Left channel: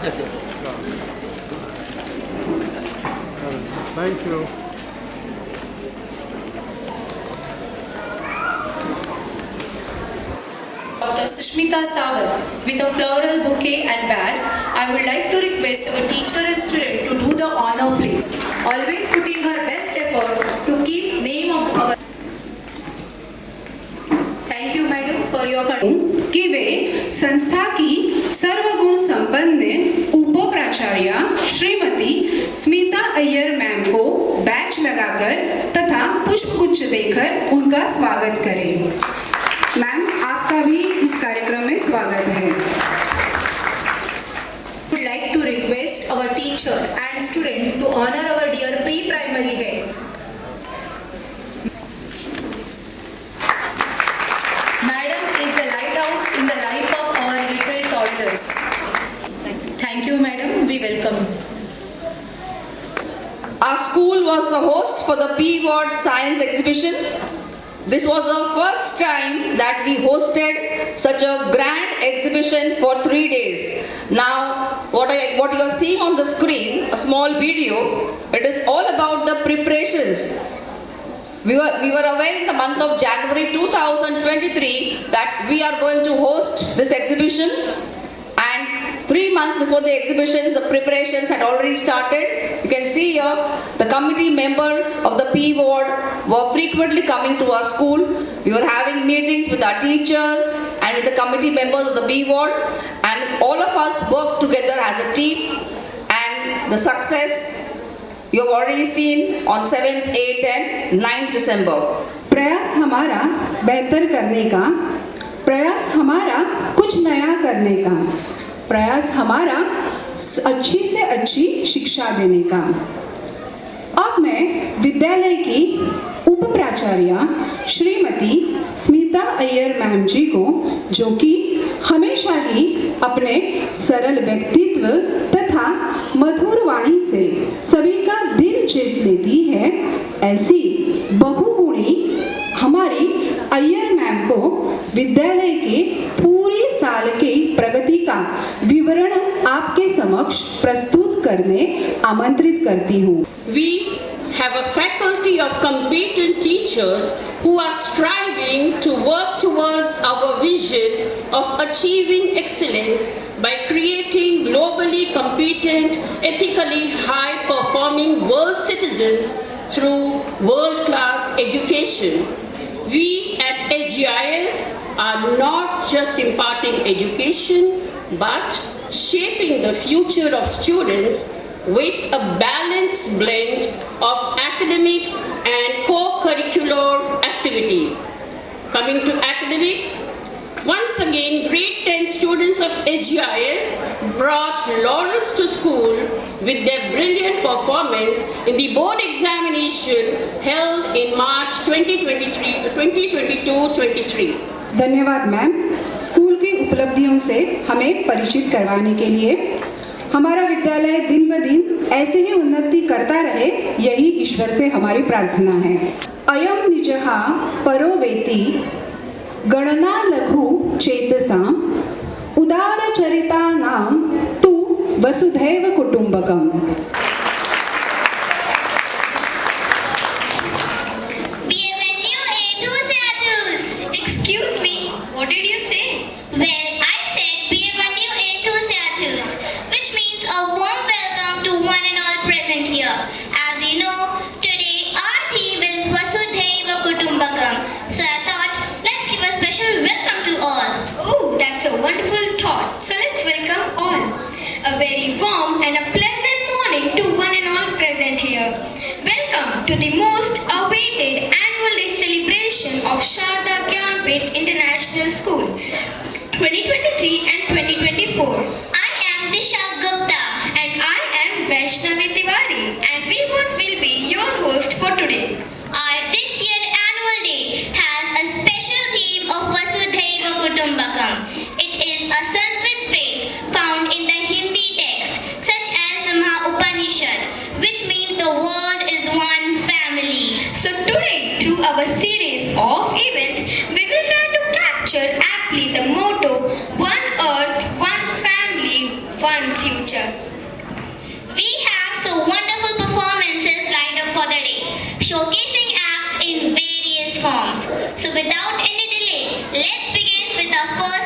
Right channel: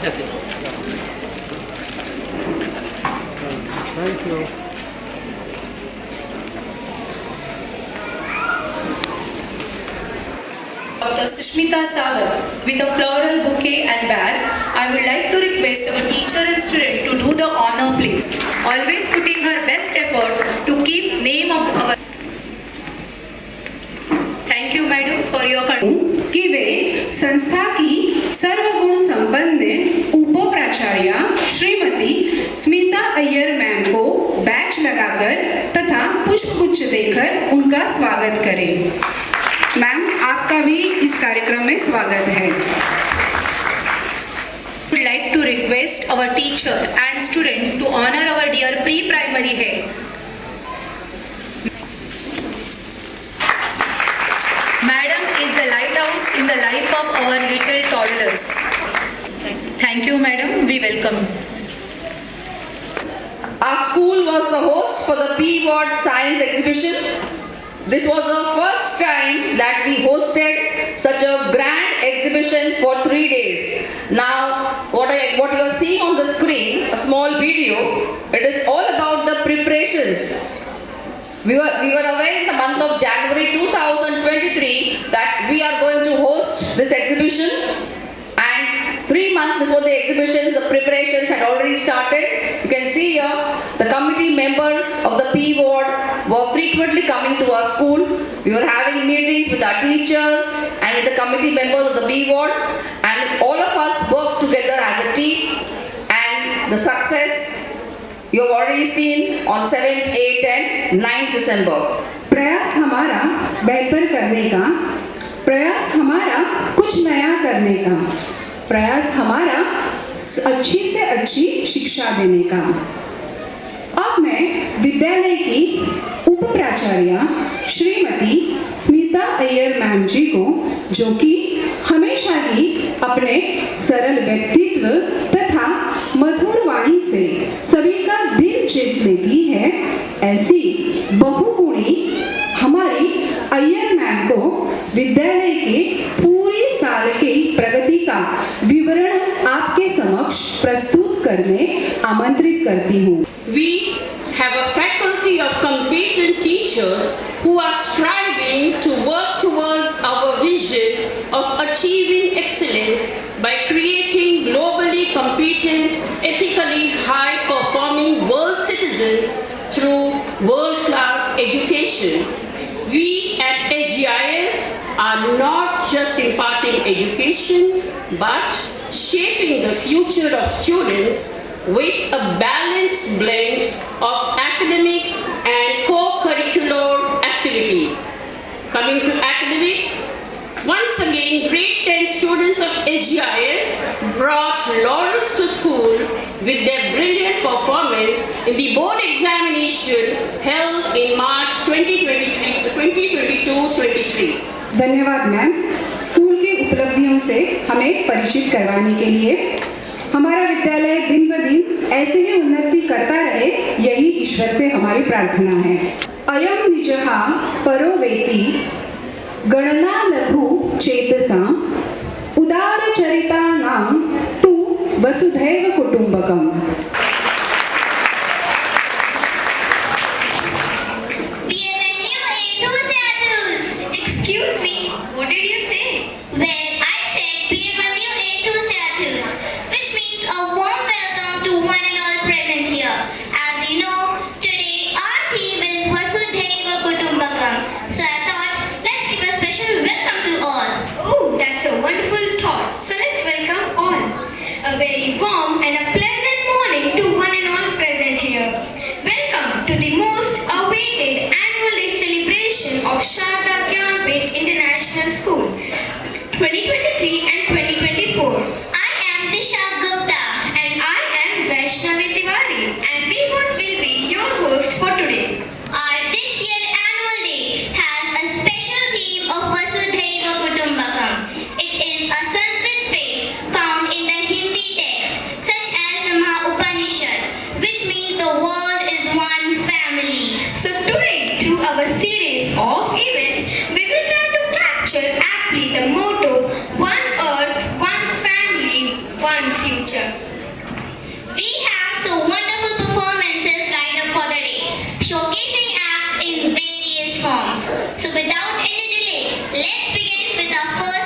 Thank you. Dr. Sushmita Sagar with a floral bouquet and badge. I would like to request our teacher and student to do the honor please. Always putting her best effort to keep name of our. Thank you madam for your कि वे संस्था की सर्वगुण संपन्न उप प्राचार्य Shrimati Smita Iyer ma'am को batch लगाकर तथा पुष्पगुच्छ देकर उनका स्वागत करें। मैम आपका भी इस कार्यक्रम में स्वागत है। would like to request our teacher and student to honor our dear pre-primary head. Madam is the lighthouse in the life of our little toddlers. Thank you madam, we welcome. Our school was the host for the P-Ward Science Exhibition. This was the first time that we hosted such a grand exhibition for 3 days. Now, what you are seeing on the screen, a small video, it is all about the preparations. We were aware in the month of January 2023 that we are going to host this exhibition, and 3 months before the exhibitions, the preparations had already started. You can see here the committee members of the P Ward were frequently coming to our school. We were having meetings with our teachers and with the committee members of the P Ward, and all of us worked together as a team, and the success you have already seen on 7th, 8th and 9th December. प्रयास हमारा बेहतर करने का, प्रयास हमारा कुछ नया करने का, प्रयास हमारा अच्छी से अच्छी शिक्षा देने का। अब मैं विद्यालय की उप प्राचार्य श्रीमती स्मिता अय्यर मैम जी को, जो कि हमेशा ही अपने सरल व्यक्तित्व तथा मधुर वाणी से सभी का दिल जीत लेती है, ऐसी बहुगुणी हमारी अय्यर मैम को विद्यालय के पूरी साल की प्रगति का विवरण आपके समक्ष प्रस्तुत करने आमंत्रित करती हूँ। We have a faculty of competent teachers who are striving to work towards our vision of achieving excellence by creating globally competent, ethically high-performing world citizens through world-class education. We at SGIS are not just imparting education, but shaping the future of students with a balanced blend of academics and co-curricular activities. Coming to academics, once again, grade 10 students of SGIS brought laurels to school with their brilliant performance in the board examination held in March 2022-23. धन्यवाद ma'am, school की उपलब्धियों से हमें परिचित करवाने के लिए। हमारा विद्यालय दिन ब दिन ऐसे ही उन्नति करता रहे, यही ईश्वर से हमारी प्रार्थना है। अयम निजहा परो वेति गणना लघु चेतसा उदार चरिता नाम तु वसुधैव कुटुंबकम। Excuse me, what did you say? Well, I said Bienvenue enthusiastus, which means a warm welcome to one and all present here. As you know, today our theme is Vasudhaiva Kutumbakam. So I thought, let's give a special welcome to all. Oh, that's a wonderful thought. So let's welcome all. A very warm and a pleasant morning to one and all present here. Welcome to the most awaited annual day celebration of Sharda Gyanpith International School 2023 and 2024. I am Disha Gupta and I am Vaishnavi Tiwari, and we both will be your host for today. Our this year annual day has a special theme of Vasudhaiva Kutumbakam. It is a Sanskrit phrase found in the Hindi text such as the Maha Upanishad, which means the world is one family. So today, through our series of events, we will try to capture aptly the motto, one earth, one family, one future.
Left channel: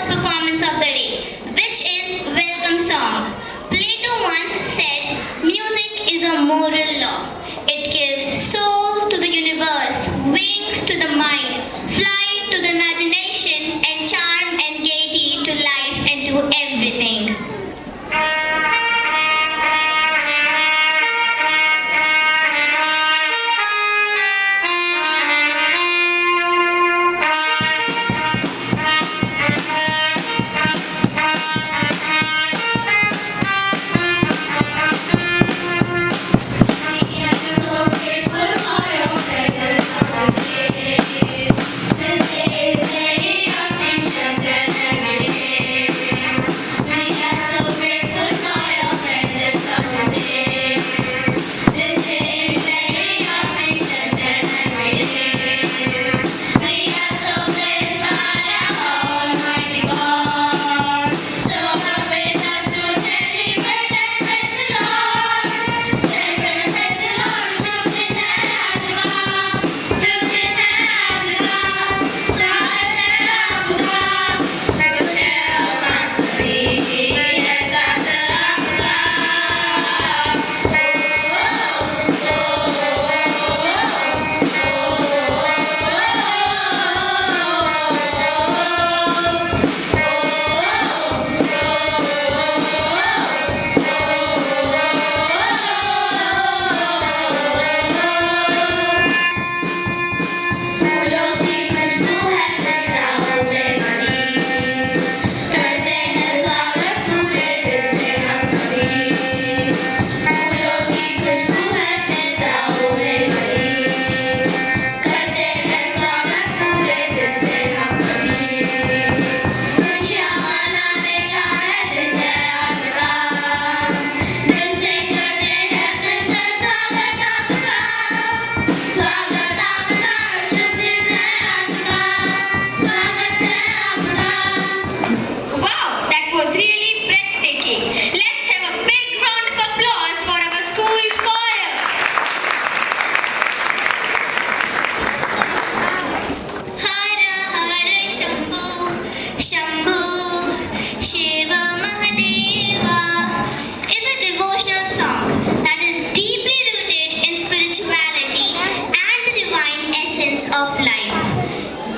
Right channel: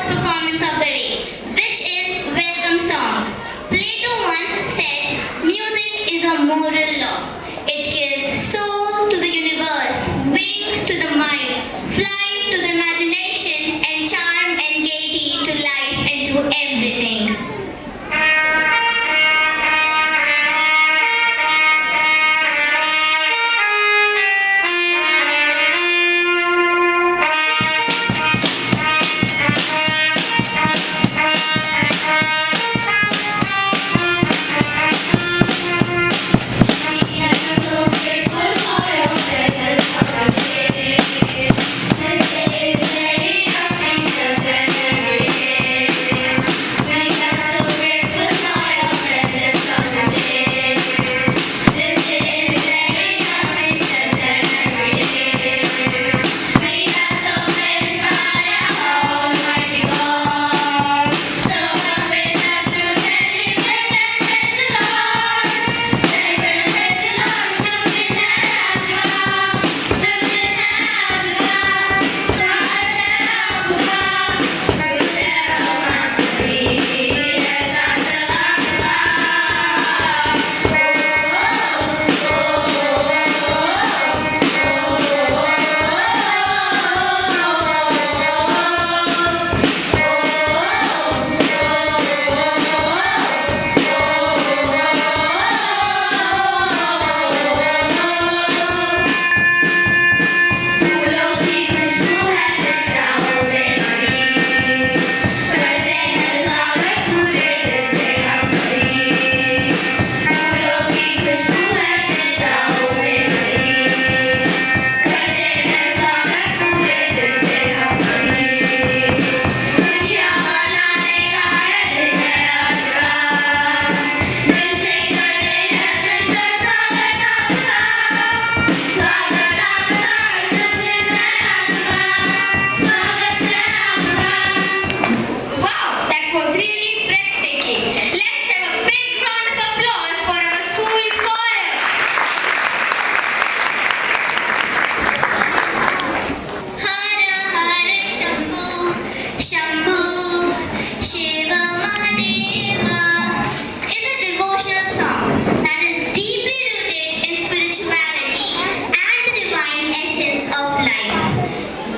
first performance of the day, which is Welcome Song. Plato once said, music is a moral law. It gives soul to the universe, wings to the mind, flight to the imagination, and charm and gaiety to life and to everything. We are so grateful for your presence today. This day is very auspicious and every day. We are so grateful for your presence today. This day is very auspicious and every day. We are so blessed by our Almighty God. So come with us to celebrate and praise the Lord. Celebrate and praise the Lord. Shukr फूलों की खुशबू है सजाओगे बड़ी, करते हैं स्वागत पूरे दिल से हम सभी। फूलों की खुशबू है सजाओगे बड़ी, करते हैं स्वागत पूरे दिल से हम सभी। खुशियाँ मनाने का है दिन है आज का, दिल से करते हैं मिलकर स्वागत आपका। स्वागत आपका, शुभ दिन है आपका, स्वागत है आपका। Wow, that was really breathtaking. Let's have a big round of applause for our school choir. Hara Hara Shambhu, Shambhu, Shiva Mahadeva is a devotional song that is deeply rooted in spirituality and the divine essence of life.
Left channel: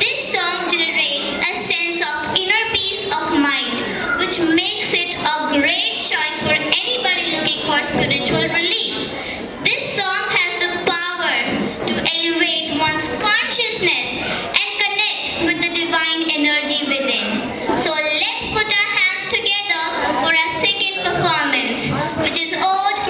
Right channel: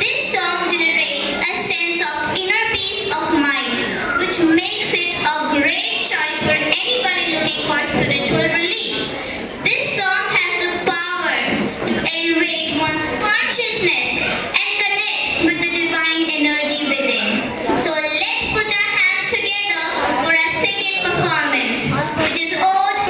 This song generates a sense of inner peace of mind, which makes it a great choice for anybody looking for spiritual relief. This song has the power to elevate one's consciousness and connect with the divine energy within. So let's put our hands together for our second performance, which is Ode.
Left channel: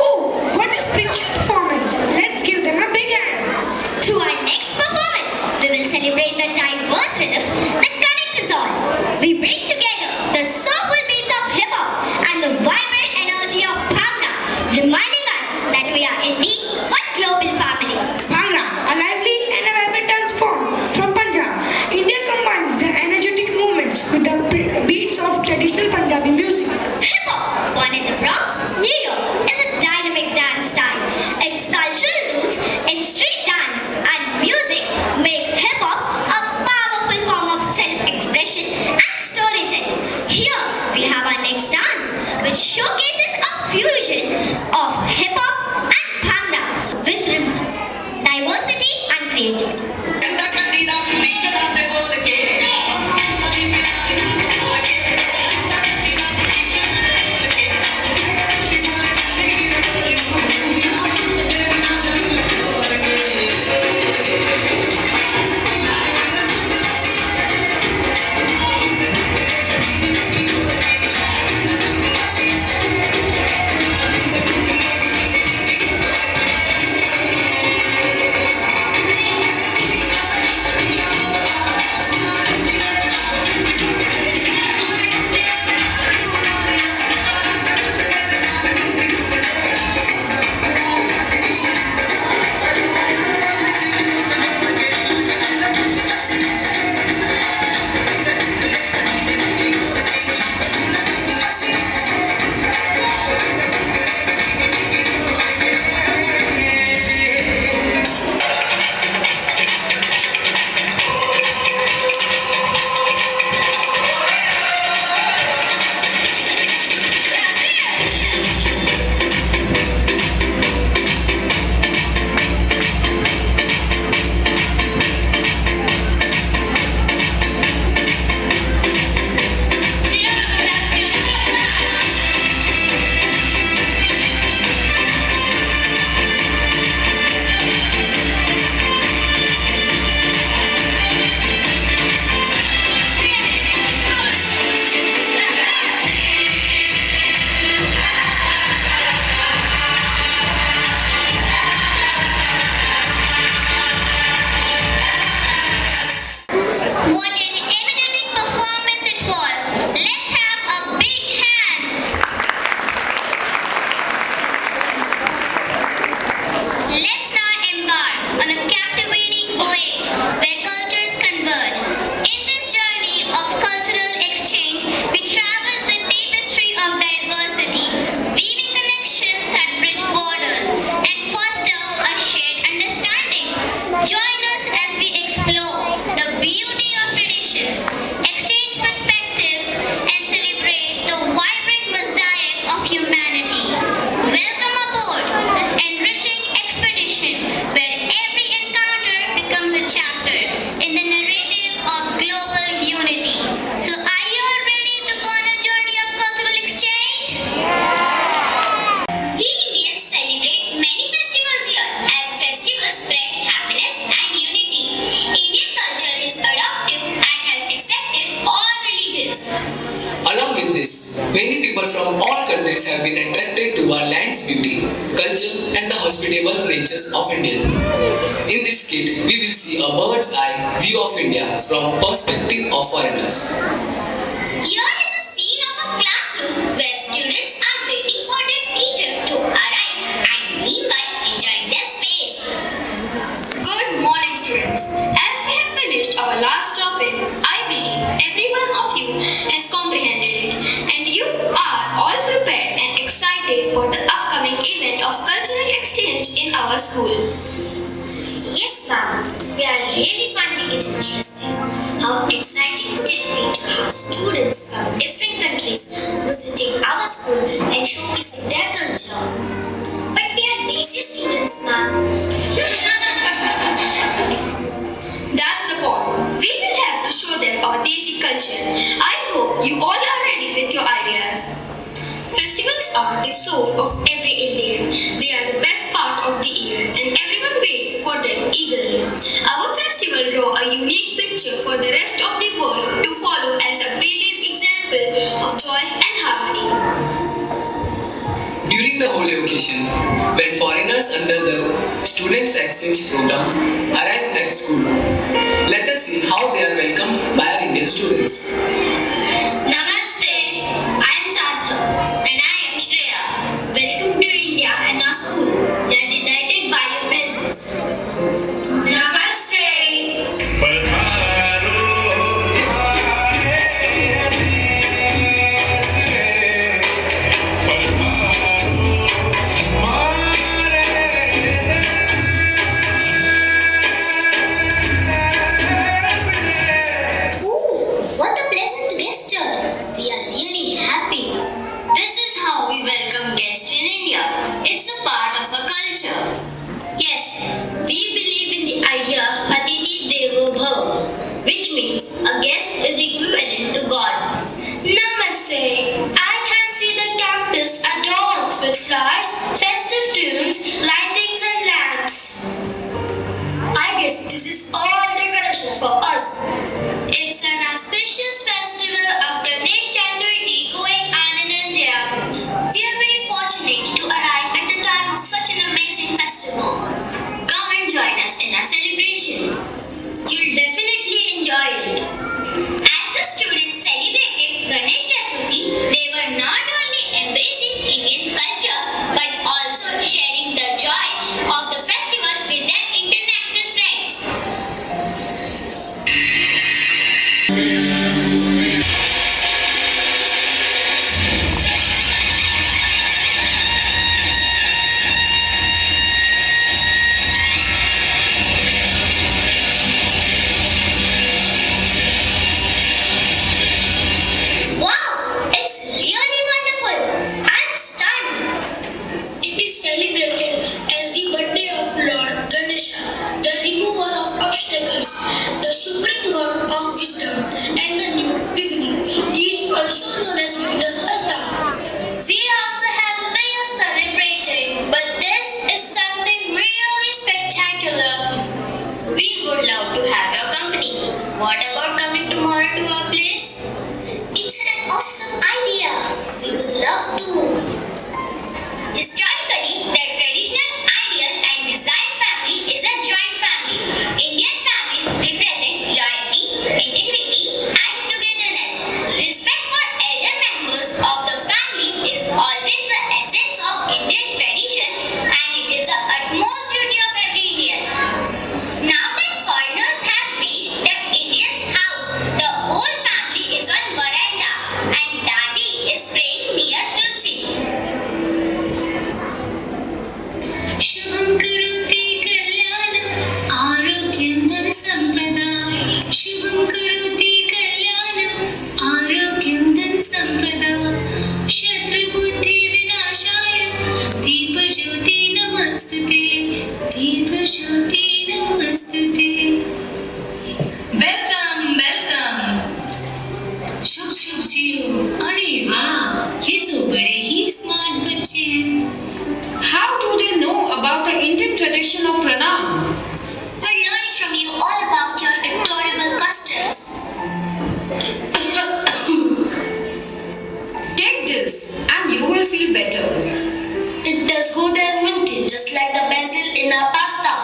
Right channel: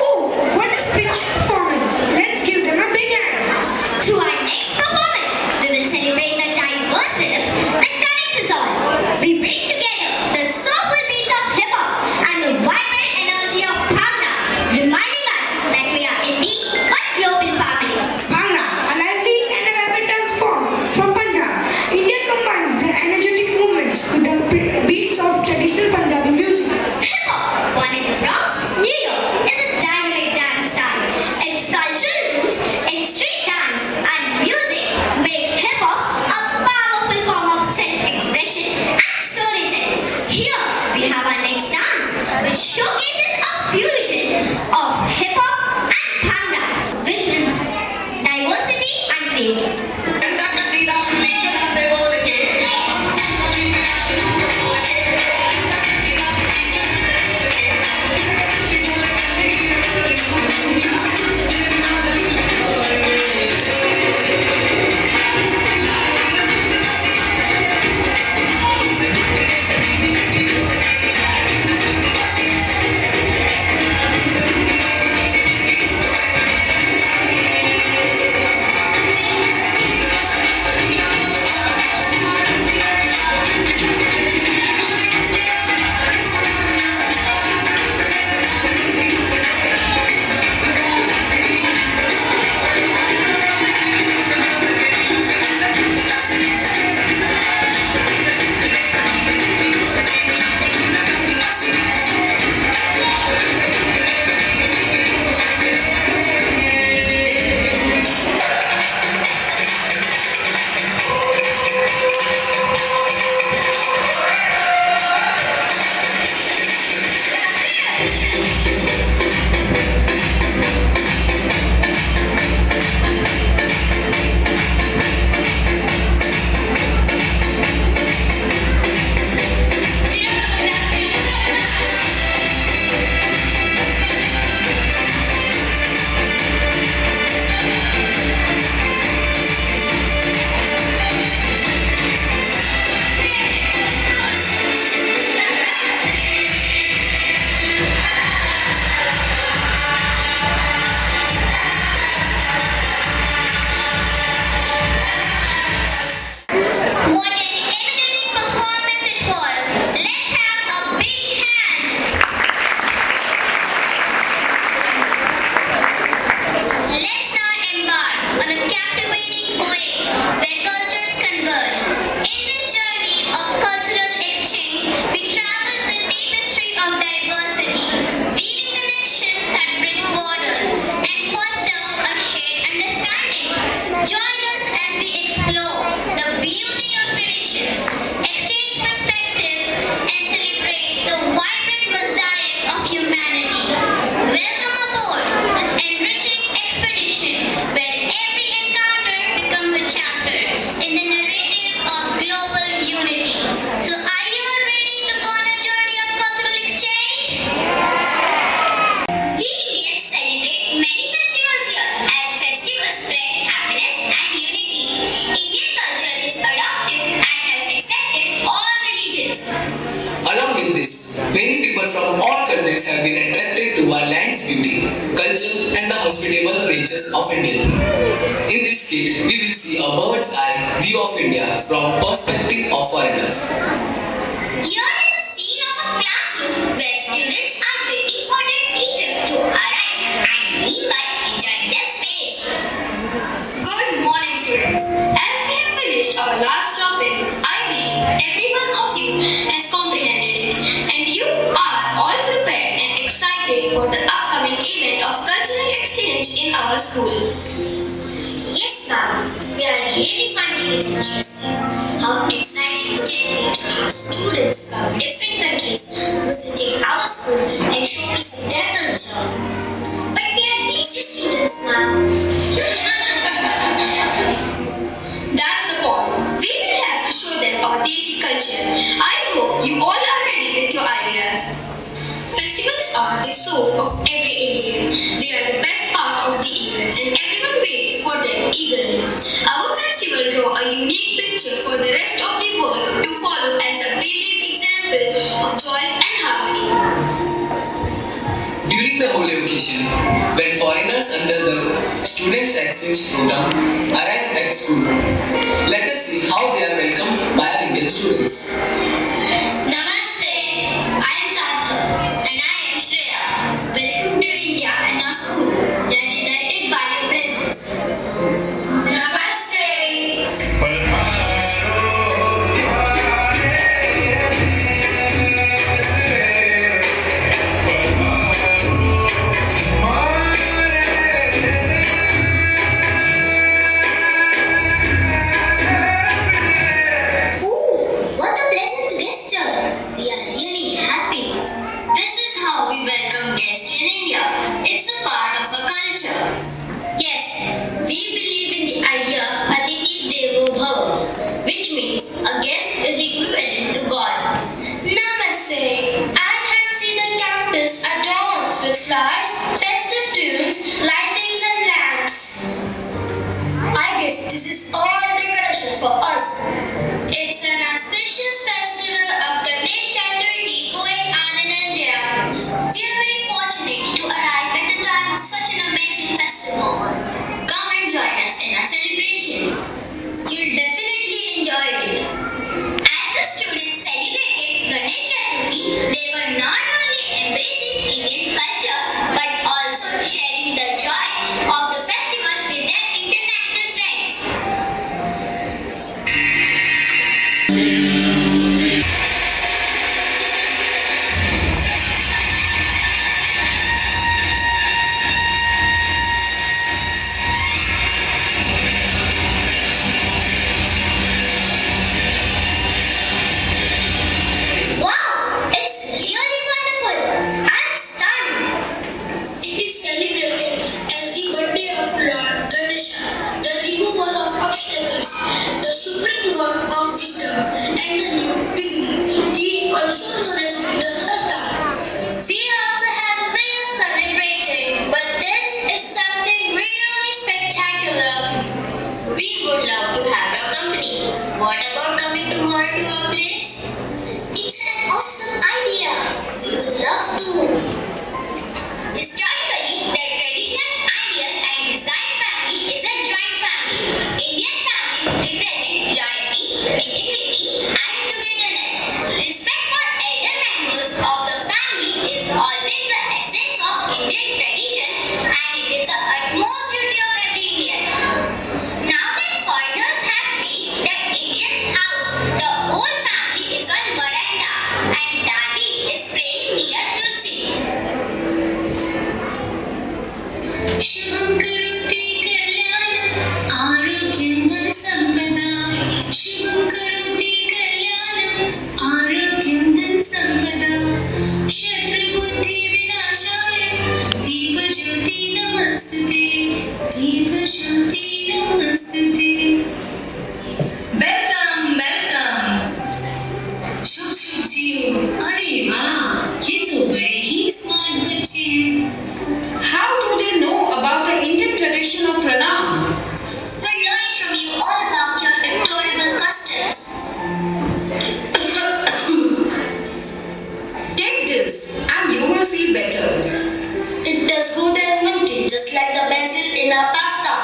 Oh, what a spiritual performance! Let's give them a big hand. To our next performance, we will celebrate the diverse rhythms that connect us all. We bring together the soulful beats of hip hop and the vibrant energy of Bhangra, reminding us that we are indeed one global family. Bhangra, a lively and a vibrant dance form from Punjab. India combines the energetic movements with the beats of traditional Punjabi music. Hip hop, born in the Bronx, New York, is a dynamic dance style. Its cultural roots in street dance and music make hip hop a powerful form of self-expression and storytelling. Here we have our next dance, which showcases a fusion of hip hop and Bhangra with diversity and creativity. Many people from all countries have been attracted to our land's beauty, culture and the hospitable natures of India. In this skit, we will see a bird's eye view of India from perspective of foreigners. Here is a scene of a classroom where students are waiting for their teacher to arrive and meanwhile enjoying their space. Good morning, students. As we have finished our last topic, I believe every one of you has comprehended it and you are all prepared and excited for the upcoming event of cultural exchange in our school. Yes, ma'am. We are really finding it interesting. How exciting would it be to have students from different countries visiting our school and showcasing their culture? But we are basic students, ma'am. That's the point. We will have to show them our basic culture. I hope you all are ready with your ideas. Festivals are the soul of every Indian. They are the best part of the year and everyone waits for them eagerly. Our festival draw a unique picture for the rest of the world to follow as a brilliant example of joy and harmony. During the holy occasion, when foreigners under the Students' Exchange Program arrive at school, let us see how they are welcomed by our Indian students. Namaste, I am Sarthak and I am Shreya. Welcome to India and our school. We are delighted by your presence. Namaste. Ooh, what a pleasant gesture. We are really happy. This is how we welcome guests in India. It's a part of our culture. Yes, we believe in the idea of Atiti Devo Bhava, which means a guest is equivalent to God. Namaste. I can see the campus adorned with flowers, festive tunes, lightings and lamps. I guess this is all decoration for us. It's an auspicious festival of Ganesh Chaturthi going on in India. We are very fortunate to arrive at the time of such an amazing festival. Come and join us in our celebration. You'll definitely enjoy it. As the students celebrated Ganesh Chaturthi, they were not only embracing Indian culture but also sharing the joy of the festival with their international friends. Wow, it's really wonderful. I'm stunned. It is celebrated as the birthday of Lord Ganesha, the remover of obstacles, the supreme god of wisdom, and the new beginning. He is also known as Vignaharta. We also have a way of celebrating, but this is something really spectacular. We would love to have your company. What about coming tomorrow to our place? It's an awesome idea. We would love to. Historically, the traditional, ideal, and desired family is a joint family. Indian families represent loyalty, integrity, and togetherness. Respect for elder members of the family is always the essence of Indian tradition, and it is the utmost duty of every Indian. Now that foreigners have reached the Indian's house, the whole family is on veranda and Dadi is praying near Tulsi. Shivam Karuti Kalyanam Arogyam Dhan Sampada. Shivam Karuti Kalyanam Arogyam Dhan Sampada. Shatru Buddhi this and you will feel better. It does good and minty, just like the basil in a pasta.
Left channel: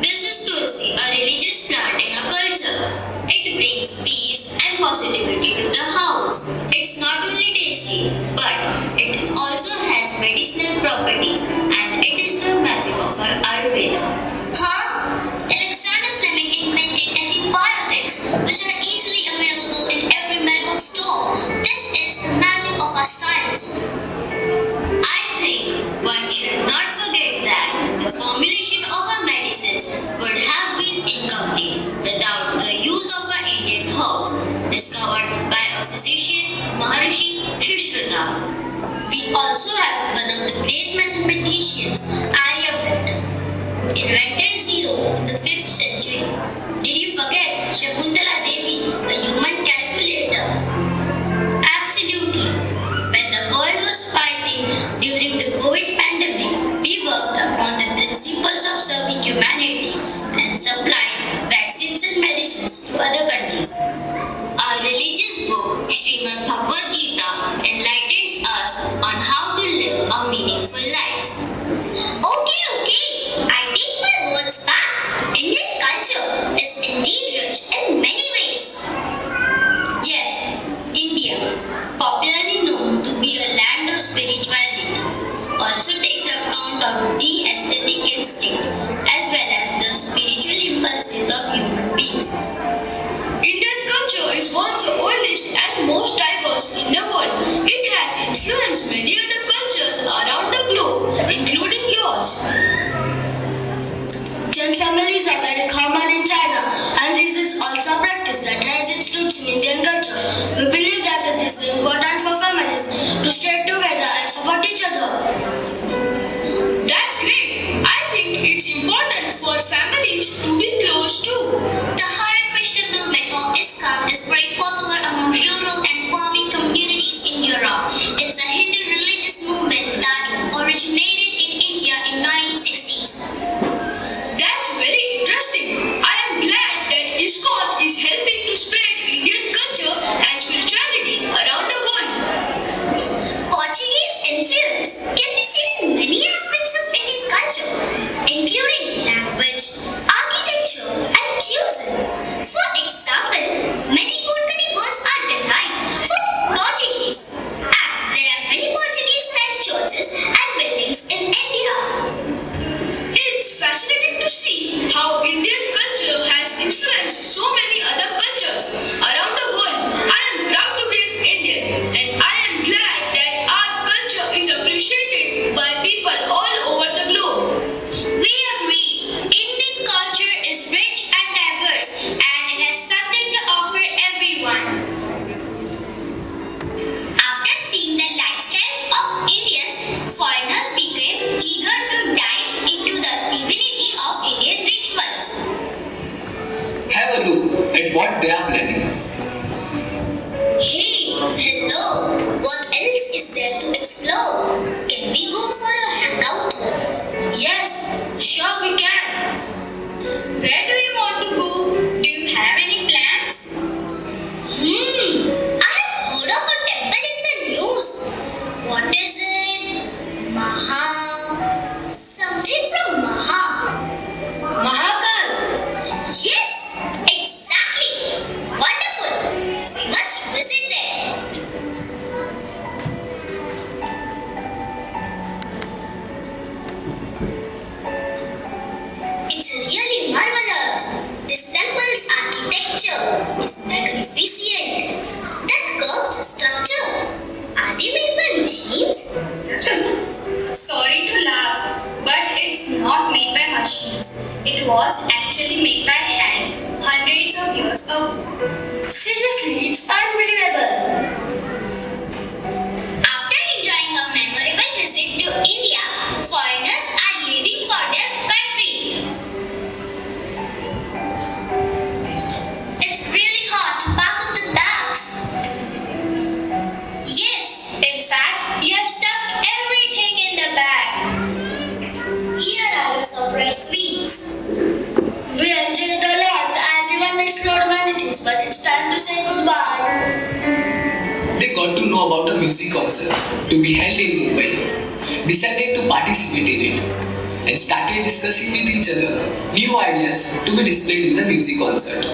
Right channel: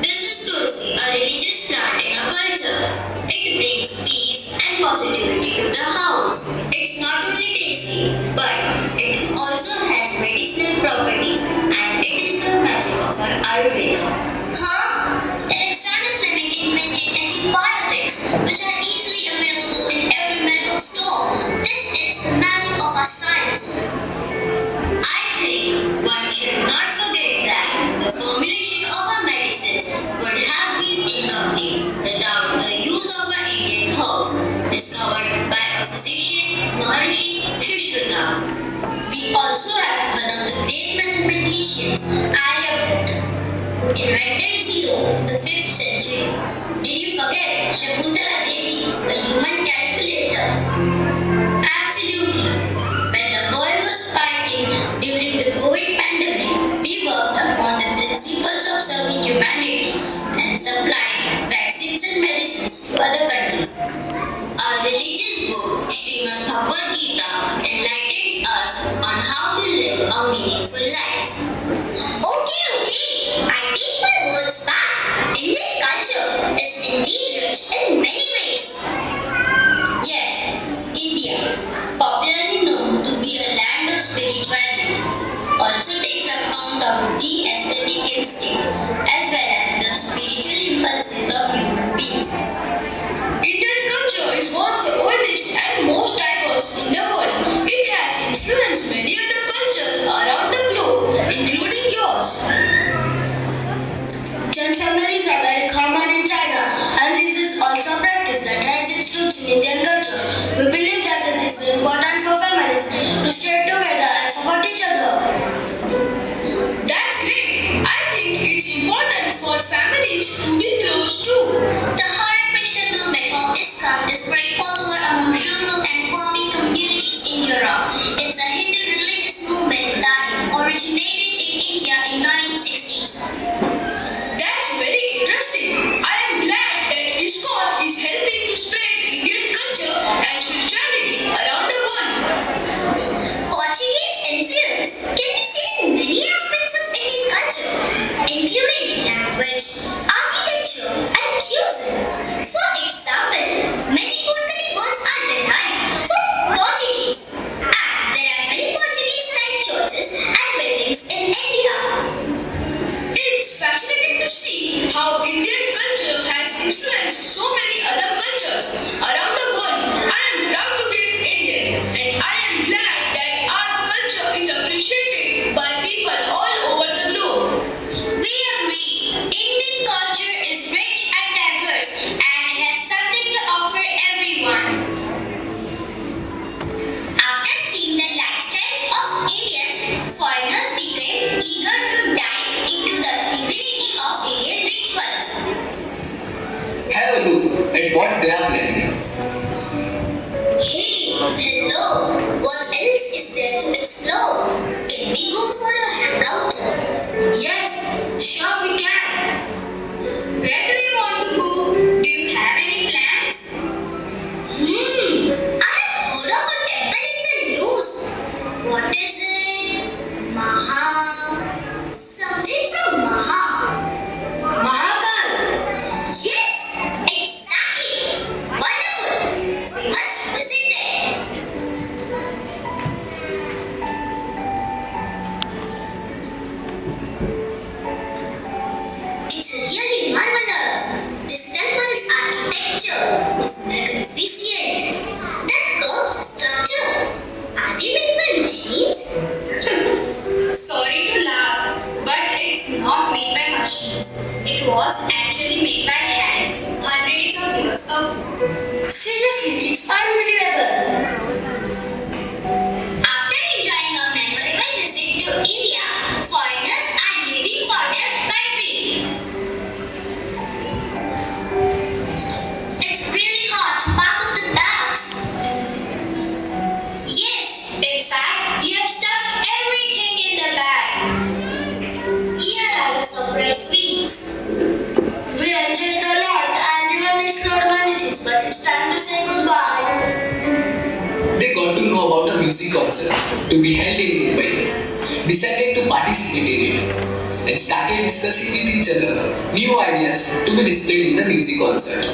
This is tulsi, a religious plant in a culture. It brings peace and positivity to the house. It's not only tasty, but it also has medicinal properties, and it is the magic of our Ayurveda. Huh? Alexander Fleming invented antibiotics, which are easily available in every medical store. This is the magic of our science. I think one should not forget that the formulation of our medicines would have been incomplete without the use of our Indian herbs discovered by a physician, Maharishi Sushruta. We also have one of the great mathematicians, Aryabhatta, who invented zero in the 5th century. Did you forget Shakuntala Devi, the human calculator? Absolutely. When the world was fighting during the COVID pandemic, we worked upon the principles of serving humanity and supplied vaccines and medicines to other countries. Our religious book, Srimad Bhagavad Gita, enlightens us on how to live a meaningful life. Okay, I take my words back. Indian culture is indeed rich in many ways. Yes, India, popularly known to be a land of spirituality, also takes account of the aesthetic instinct as well as the spiritual impulses of human beings. Indian culture is one of the oldest and most diverse in the world. It has influenced many other cultures around the globe, including yours. Joint families are very common in China, and this is also a practice that has its roots in Indian culture. We believe that it is important for families to stay together and support each other. That's great. I think it's important for families to be close too. The Hare Krishna movement or ISKCON is very popular among rural and farming communities in Europe. It is a Hindu religious movement that originated in India in 1960s. That's very interesting. I am glad that ISKCON is helping to spread Indian culture and spirituality around the world. Portuguese influence can be seen in many aspects of Indian culture, including language, architecture, and cuisine. For example, many culinary words are derived from Portuguese, and there are many Portuguese-style churches and buildings in India. It's fascinating to see how Indian culture has influenced so many other cultures around the world. I am proud to be an Indian, and I am glad that our culture is appreciated by people all over the globe. We agree. Indian culture is rich and diverse, and it has something to offer everyone. After seeing the lifestyles of Indians, foreigners became eager to dive into the divinity of Indian rituals. Have a look at what they are planning. Hey, hello. What else is there to explore? Can we go for a hangout? Yes, sure we can. Where do you want to go? Do you have any plans? I have heard of a temple in the news. What is it? Something from Mahakal. Yes, exactly. Wonderful. We must visit there. It's really marvelous. This temple's architecture is magnificent. That curved structure, are they made by machines? Sorry to laugh, but it's not made by machines. It was actually made by hand hundreds of years ago. Seriously, it's unbelievable. After enjoying a memorable visit to India, foreigners are leaving for their country. It's really hard to pack up the bags. Yes, in fact, you have stuffed everything in the bag. Here are your surprise sweets. We enjoyed a lot and even explored many things, but it's time music concert to be held in Mumbai, decided to participate in it and started discussing with each other new ideas to be displayed in the music concert.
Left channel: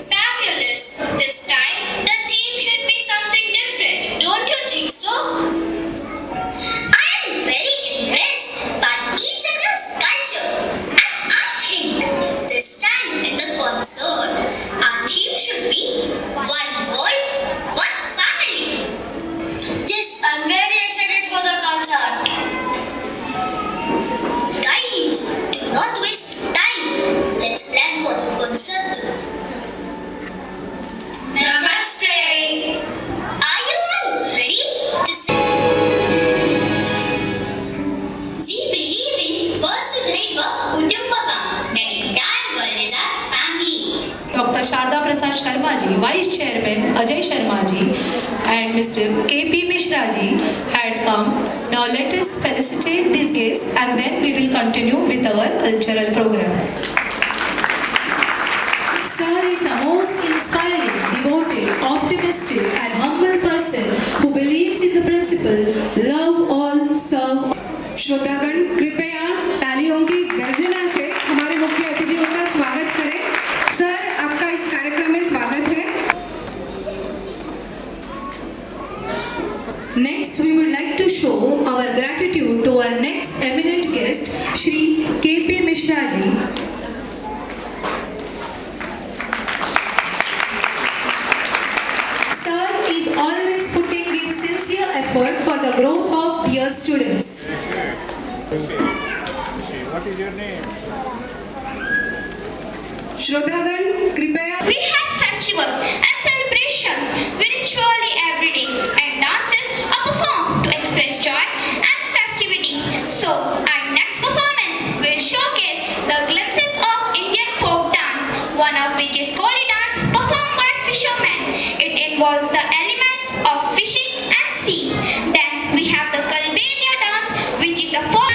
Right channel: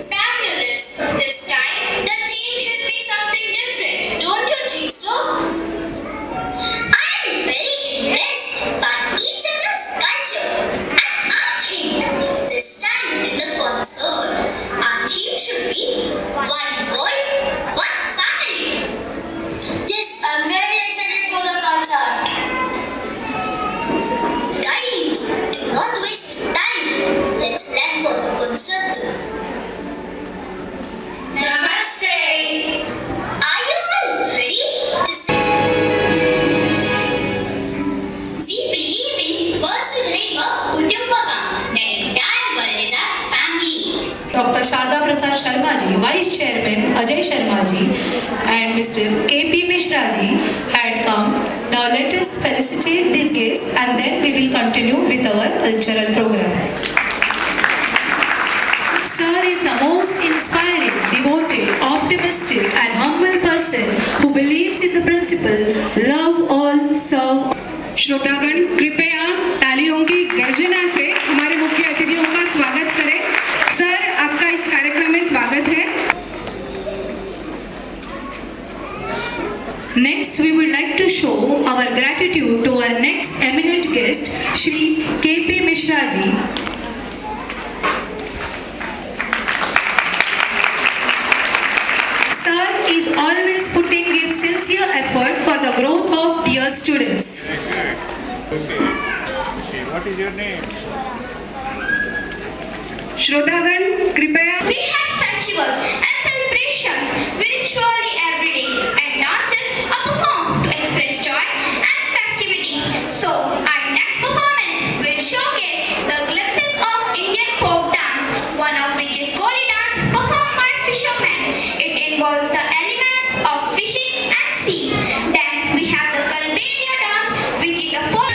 Fabulous! This time, the theme should be something different, don't you think so? I am very impressed by each other's culture, and I think this time in the concert, our theme should be one world, one family. Yes, I'm very excited for the concert. Guys, do not waste time. Let's plan for the concert. Namaste. Are you all ready to We believe in Vasudhaiva Kutumbakam. The entire world is our family. Dr. Sharda Prasad Sharma ji, Vice Chairman Ajay Sharma ji, and Mr. K.P. Mishra ji had come. Now let us felicitate these guests and then we will continue with our cultural program. Sir is the most inspiring, devoted, optimistic and humble person who believes in the principle love all, serve. श्रोतागण कृपया तालियों की गर्जना से हमारे मुख्य अतिथियों का स्वागत करें। सर, आपका इस कार्यक्रम में स्वागत है। Next, we would like to show our gratitude to our next eminent guest, Shri K.P. Mishra ji. Sir is always putting his sincere effort for the growth of dear students. Okay, what is your name? श्रोतागण कृपया We have festivals and celebrations virtually every day, and dances are performed to express joy and festivity. So, our next performance will showcase the glimpses of Indian folk dance, one of which is Koli dance performed by fishermen. It involves the elements of fishing and sea. Then we have the Kalbelia dance, which is a folk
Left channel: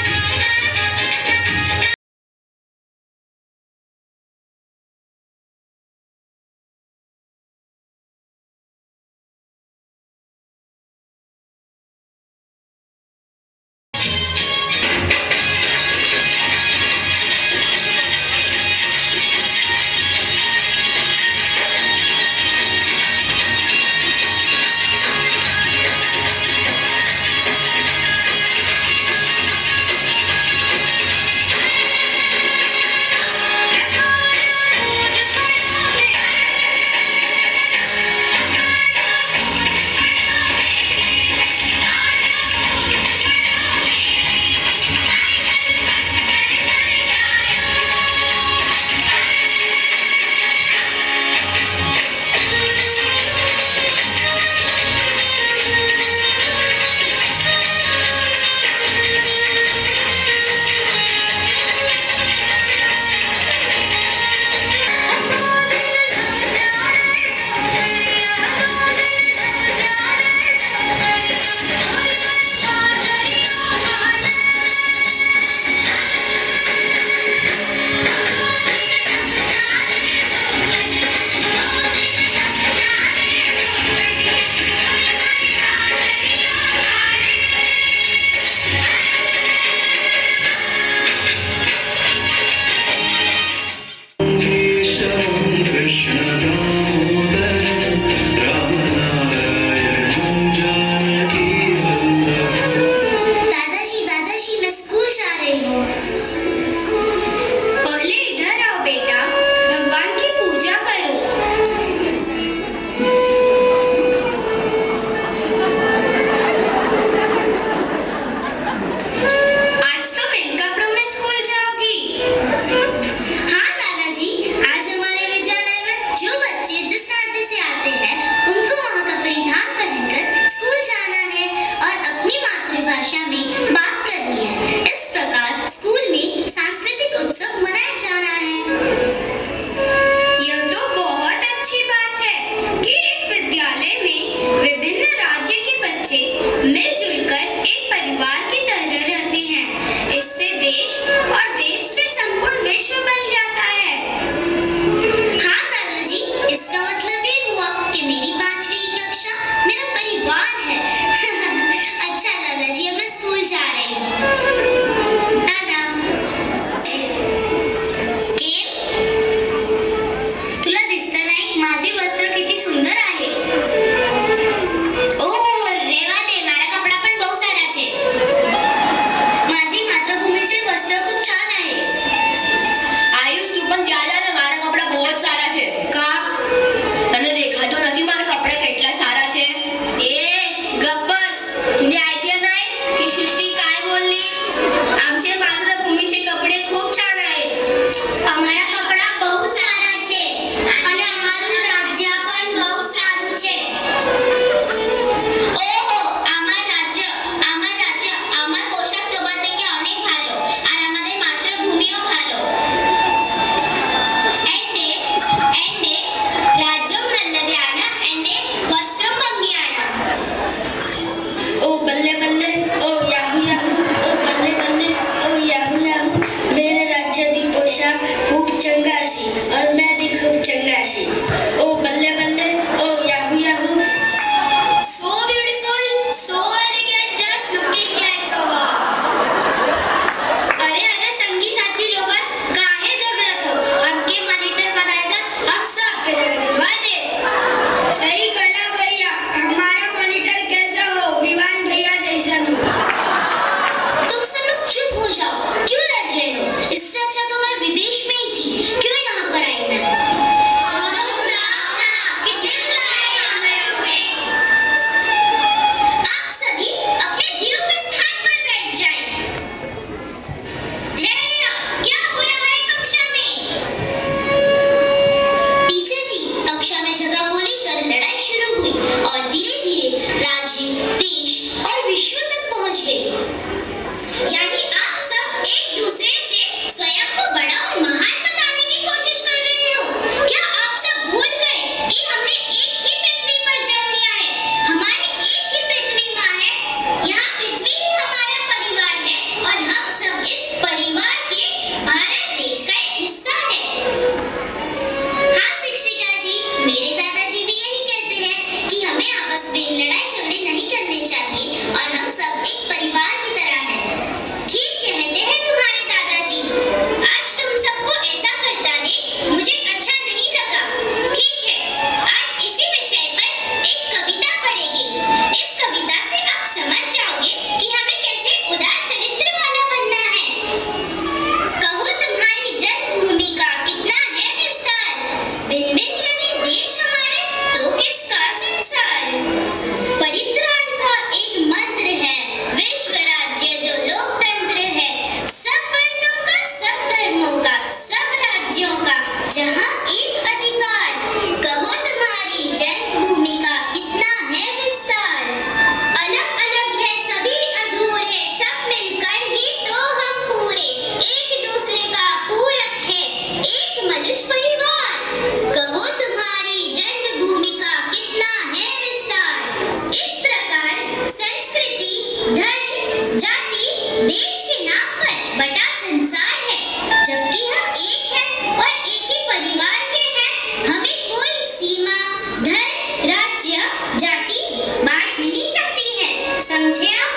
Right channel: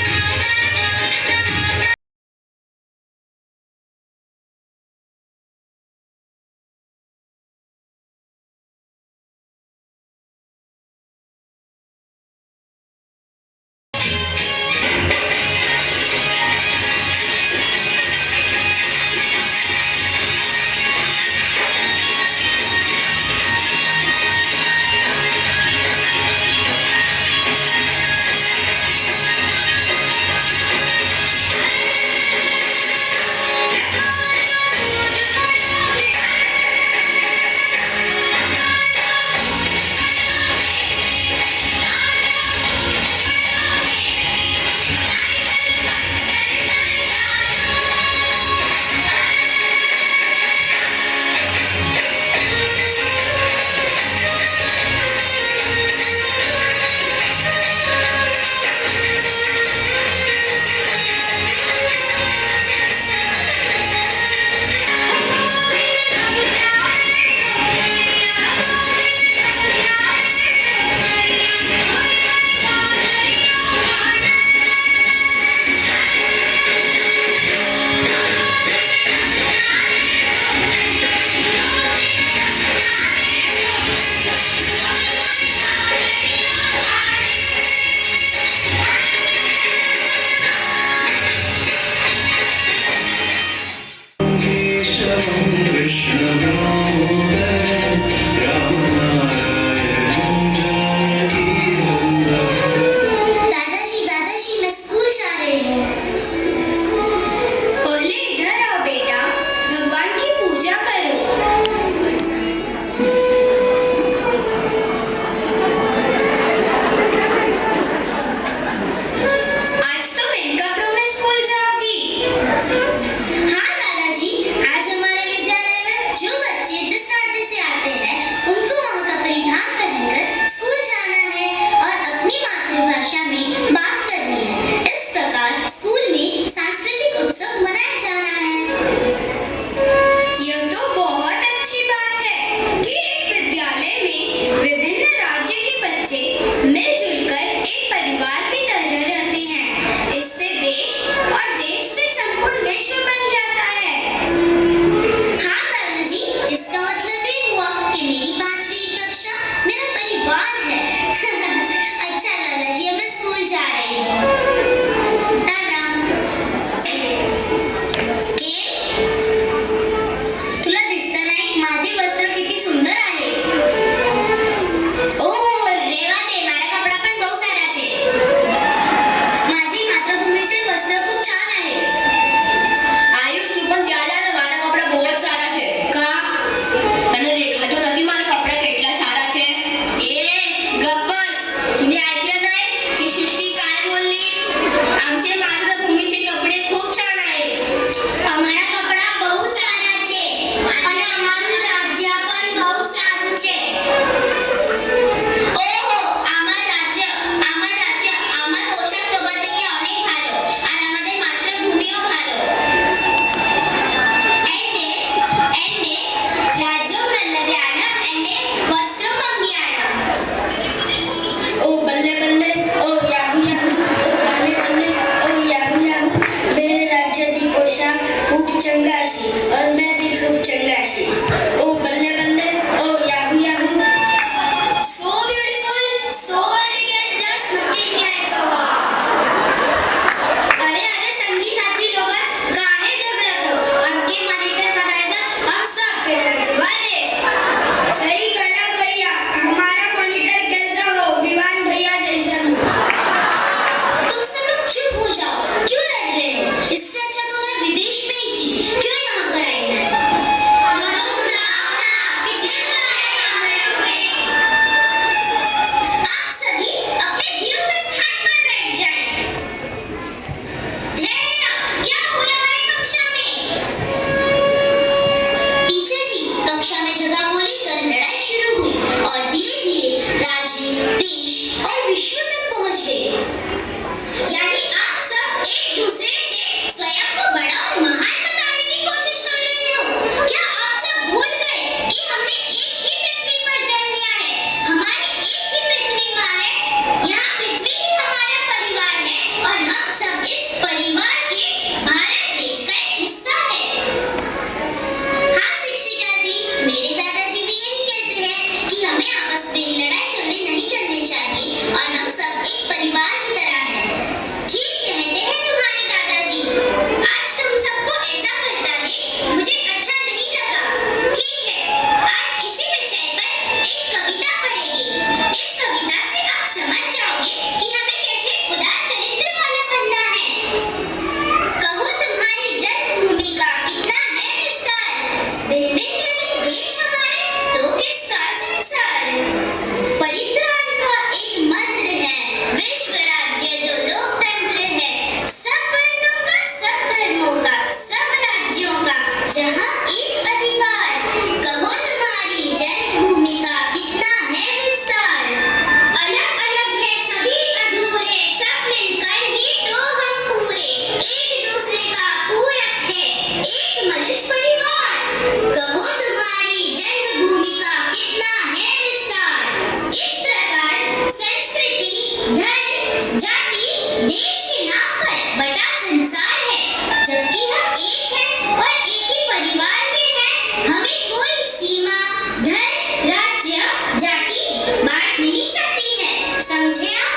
समझे आप?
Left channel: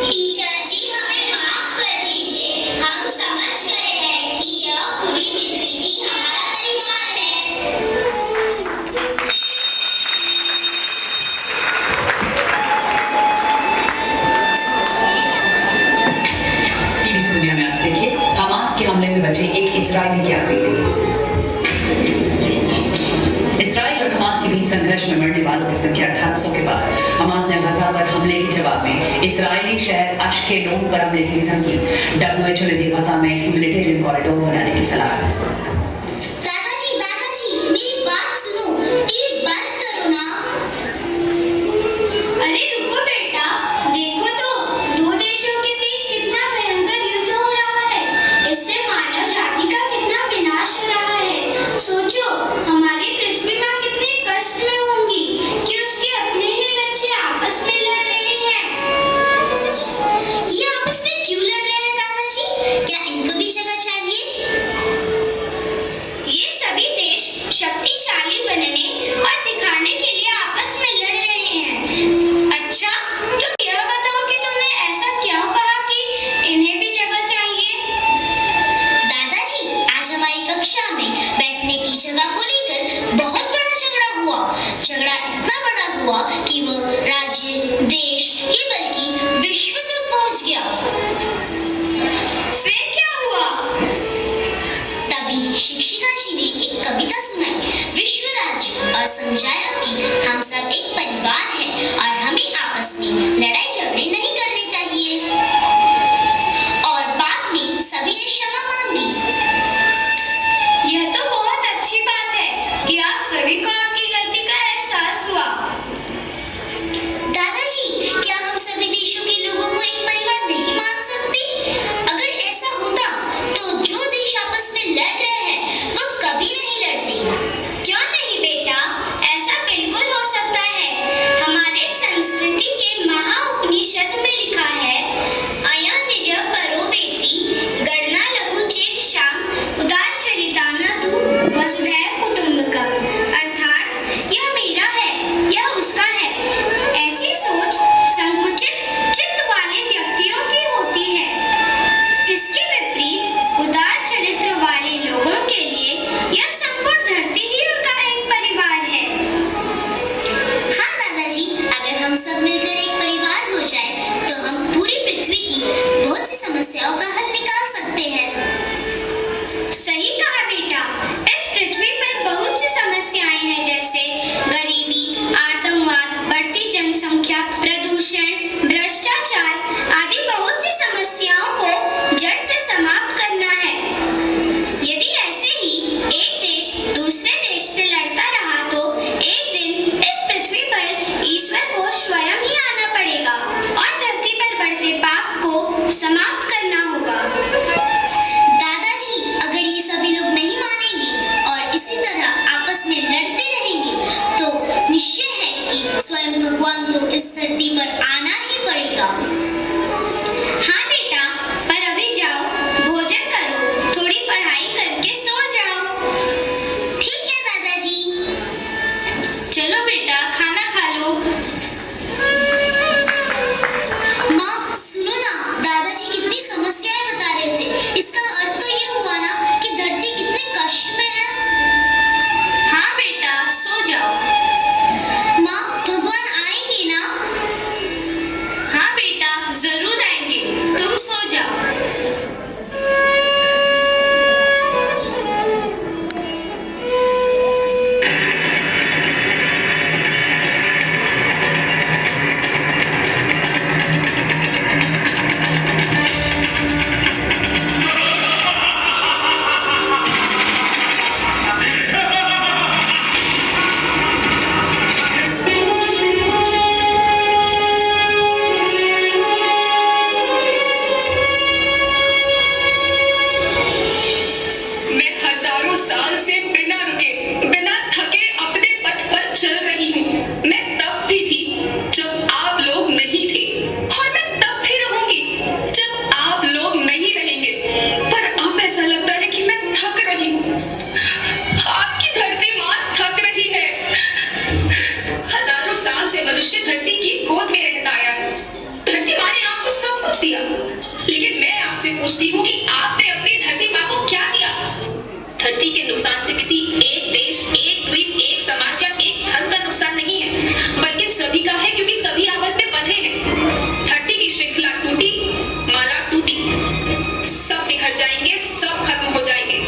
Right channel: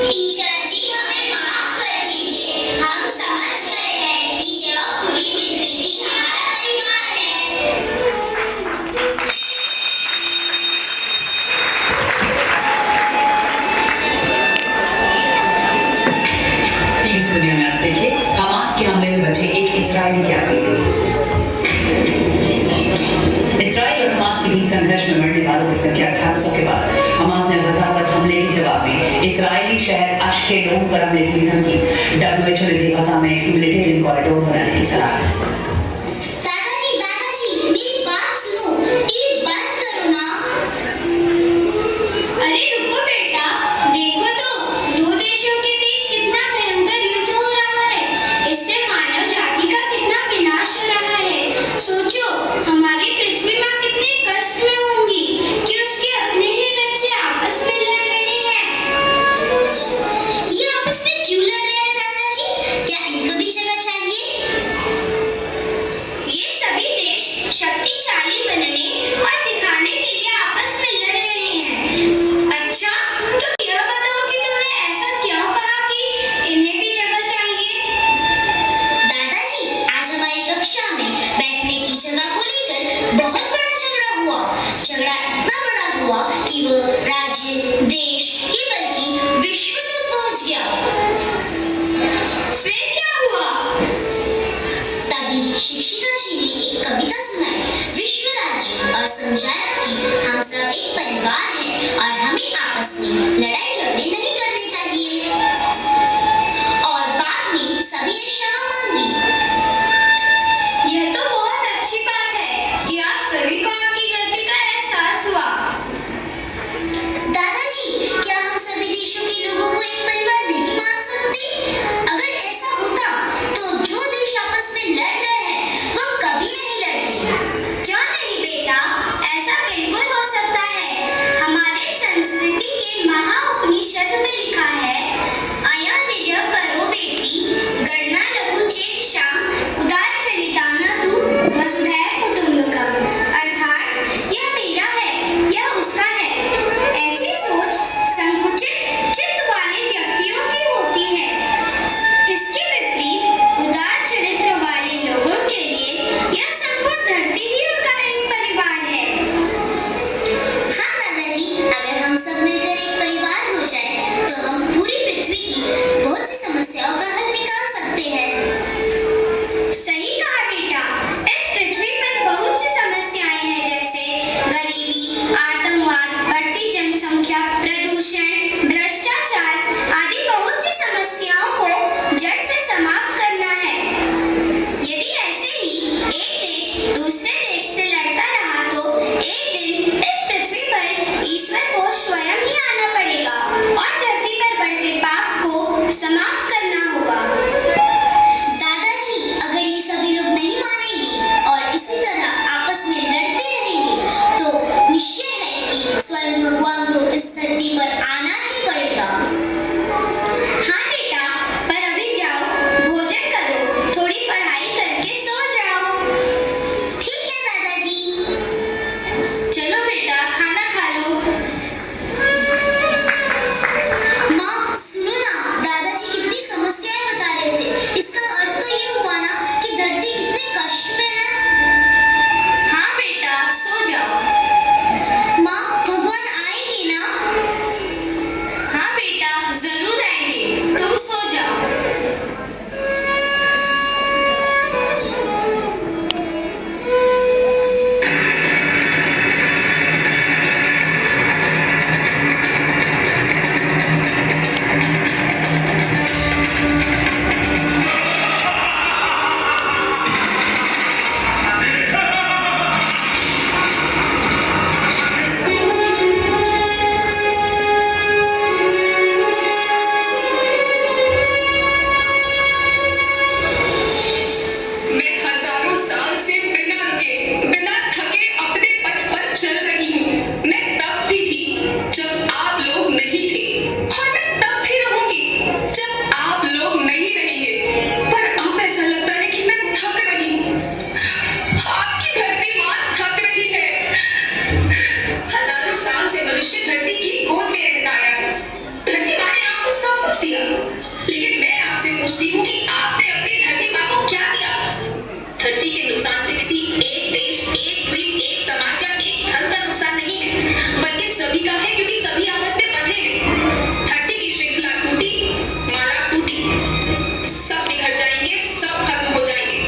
Teacher जी हमें माफ कर दीजिए, हम समझ गए हैं कि यह पूरी पृथ्वी भी हमारा परिवार है। प्लीज सुनिए मैच देखिए। हमास के हमले में बचे एक इजरायली कैदी थे। इजराइल और हमास के बीच संघर्ष में मरने वालों की संख्या 1800 के बाद हमास ने गजा पर हमले के जवाब में इजरायली शहर अश्केलोन पर हमले की धमकी। WHO ने दी गजा में ह्यूमैनिटेरियन कॉरिडोर बनाने की सलाह। दादाजी मेरी बात सुनो, टीवी बंद करो ना। अरे रुको बेटा, देखो तो दो देशों के बीच कितना भयंकर युद्ध हो रहा है। इससे मानव जाति का कितना विनाश हो रहा है। सोचो हमारी पृथ्वी माँ कितने कष्ट में होंगी कि उसके अपने ही बच्चे आपस में लड़ रहे हैं। ये आपस में क्यों लड़ रहे हैं दादाजी? क्या इनको भी जगह चाहिए? ये सभी देश शक्तिशाली बनने और दिखाने के लिए आपस में लड़ रहे हैं। अच्छा, तुम यह बताओ कि तुमने ऐसा क्यों कहा कि इन्हें भी जगह चाहिए? दादाजी, आज हमारी कक्षा में बैठने की जगह को लेकर बहुत बड़ा झगड़ा हुआ। झगड़ा इतना बड़ा हुआ कि वो राज्य, देश ही बल्कि विश्व तक पहुंच गया। फिर क्या हुआ? तभी शिक्षिका जी ने एक कविता सुनाई, विश्व राज्य, और समझाया कि हम सब एक परिवार हैं और हमें आपस में लड़ाई झगड़े नहीं करने चाहिए। और बाद में सभी ने क्षमा मांगी। यह तो बहुत अच्छी बात है कि आप सभी को आपकी गलती का एहसास हुआ। दादाजी, क्या हम सभी देशों के लोगों को एक परिवार नहीं मान सकते? अगर ऐसा होता तो जो देश आपस में लड़ रहे हैं वो कभी नहीं लड़ते। क्यों नहीं बेटा, ऐसा बिल्कुल हो सकता है। हमारे संस्कृति के महाउपनिषद में लिखा है, अयं निज परो वेति गणना लघु चेत शाम उदार चरितानादु वसुधैव कुटुंबकम। अर्थात यह मेरा है, यह उसका है। ऐसी सोच संकुचित चित्त वाले व्यक्तियों की होती है। इसके विपरीत उदार चरित्र वाले लोगों के लिए यह संपूर्ण धरती ही उनका एक परिवार है। हाँ दादाजी, अगर हम सब मिलकर एक परिवार हो जाए तो हम पूरी पृथ्वी की बहुत सी समस्याओं का हल निकाल सकते हैं। सही कहा बेटा, इस पृथ्वी पर बहुत सी समस्याएं हैं, जैसे गरीबी, आतंकवाद, बढ़ती जनसंख्या, प्रदूषण, भ्रष्टाचार आदि बहुत सी समस्याओं को जड़ से समाप्त करना है। यदि ऐसे ही एक देश दूसरे देश से लड़ता रहा तो एक दिन इस पृथ्वी पर ईश्वर को स्वयं ही आना पड़ेगा और धरती पर बढ़ते पाप को समाप्त करना होगा। दादाजी, अगर ये सभी लोग नहीं मानेंगे और इसी तरह आपस में लड़ते रहेंगे तो निश्चय है कि स्वयं भगवान को इस धरती पर आना ही पड़ेगा। हाँ बेटा, पर अभी जाओ, भोजन करो, थोड़ी पढ़ाई करके सो जाओ। ठीक है दादाजी। चलो बेटा, खाना खा लो। माँ सुनो ना, दादाजी कितनी समस्याएं बता रहे थे। इसका अर्थ तो ये हुआ ना कि धरती कितने कष्ट में है। हाँ बेटा, सो जाओ। माँ, भगवान आएंगे ना? हाँ बेटा, जरूर आएंगे, तुम सो जाओ। मनुष्य धरती की गोद में रहता आया। धरती माँ ने आपको सब कुछ दिया, लेकिन मैं आपसे पूछती हूँ कि आपने अपनी धरती माँ को क्या दिया? धरती के नुकसान से किसी एक देश, एक द्वीप, एक समाज या एक धर्म का नुकसान नहीं है, बल्कि सभी का है, क्योंकि सभी आपस में बंधे हैं। धरती की श्रृंखला टूटी, माला टूटी, सब बिखर जाएंगे, सब खत्म हो जाएंगे।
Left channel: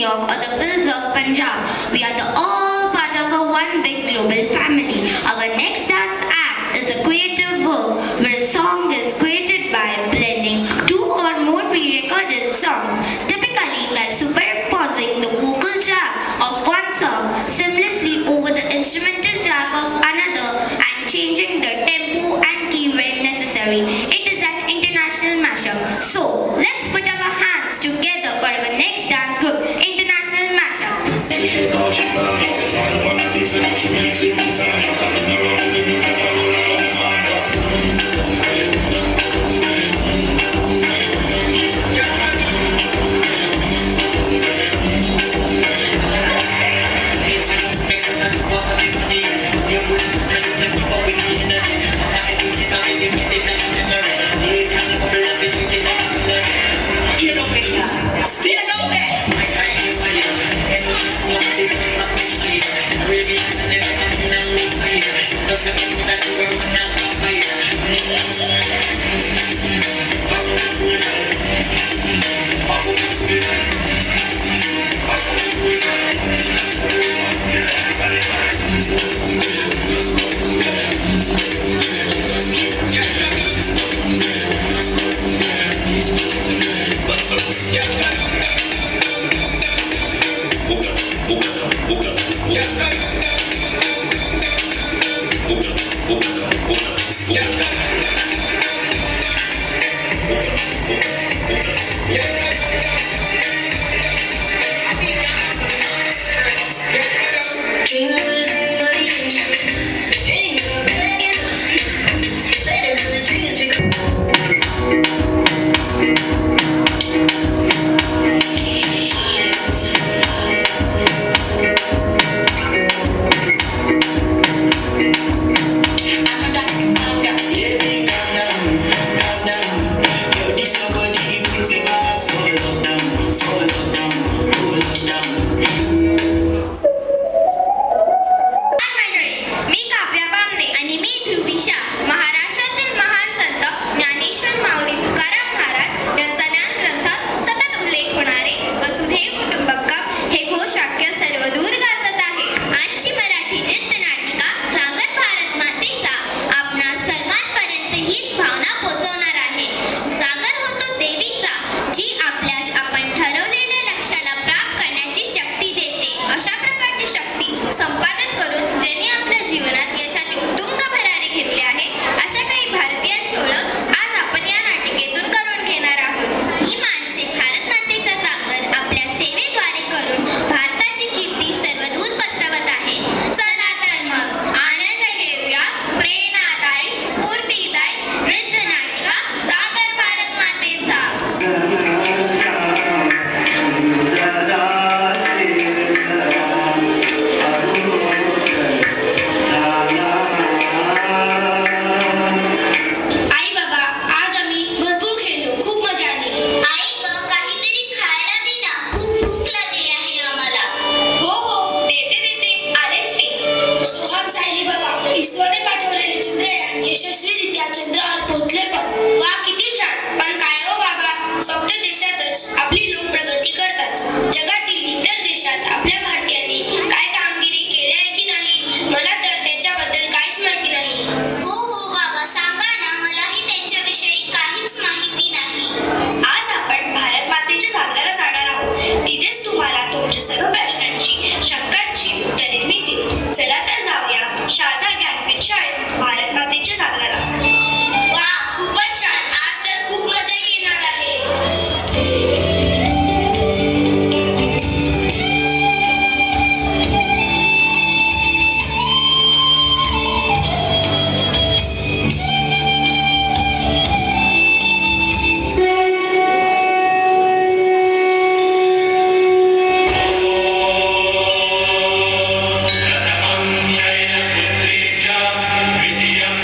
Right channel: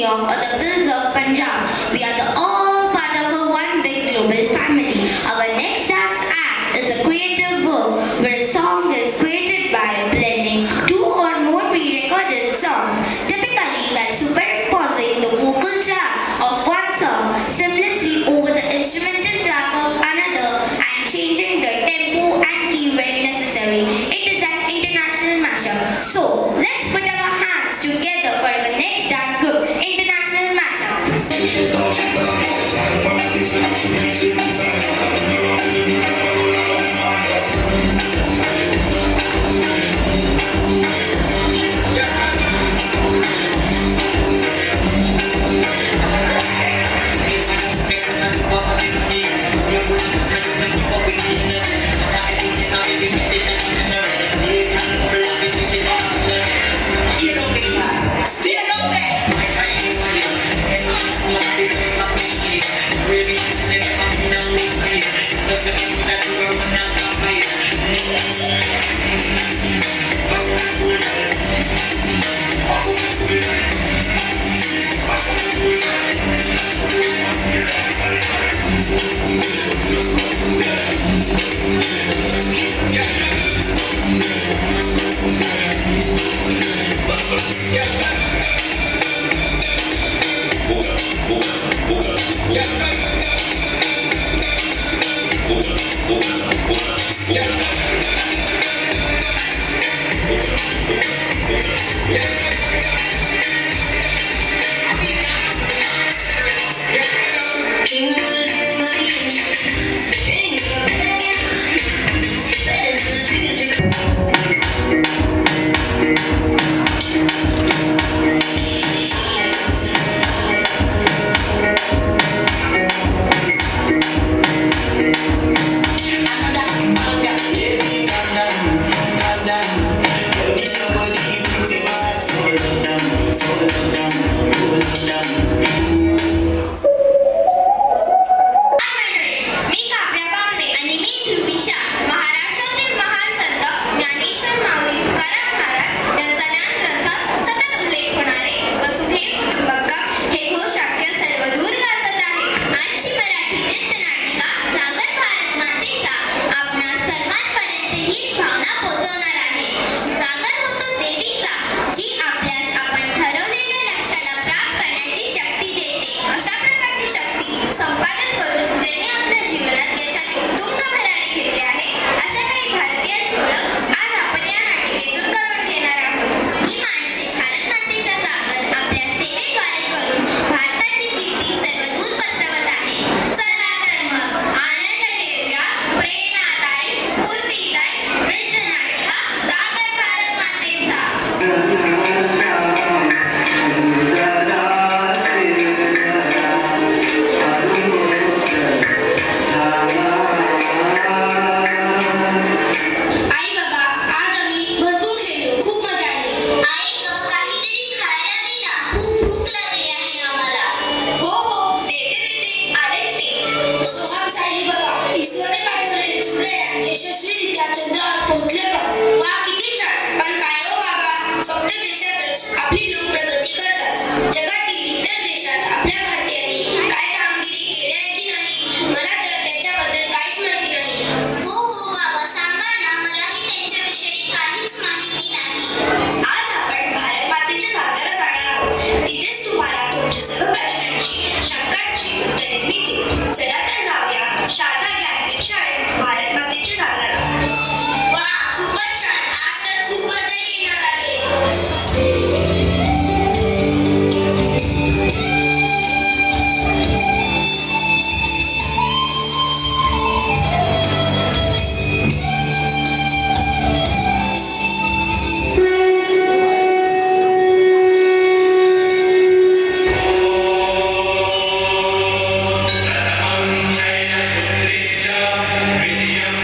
York or the hills of Punjab. We are the all part of a one big global family. Our next dance act is a creative work where a song is created by blending two or more pre-recorded songs, typically by superimposing the vocal track of one song seamlessly instrumental track of another and changing the tempo and key when necessary. It is an international mashup. So let's put our hands together for the next dance group, International Mashup. Vidya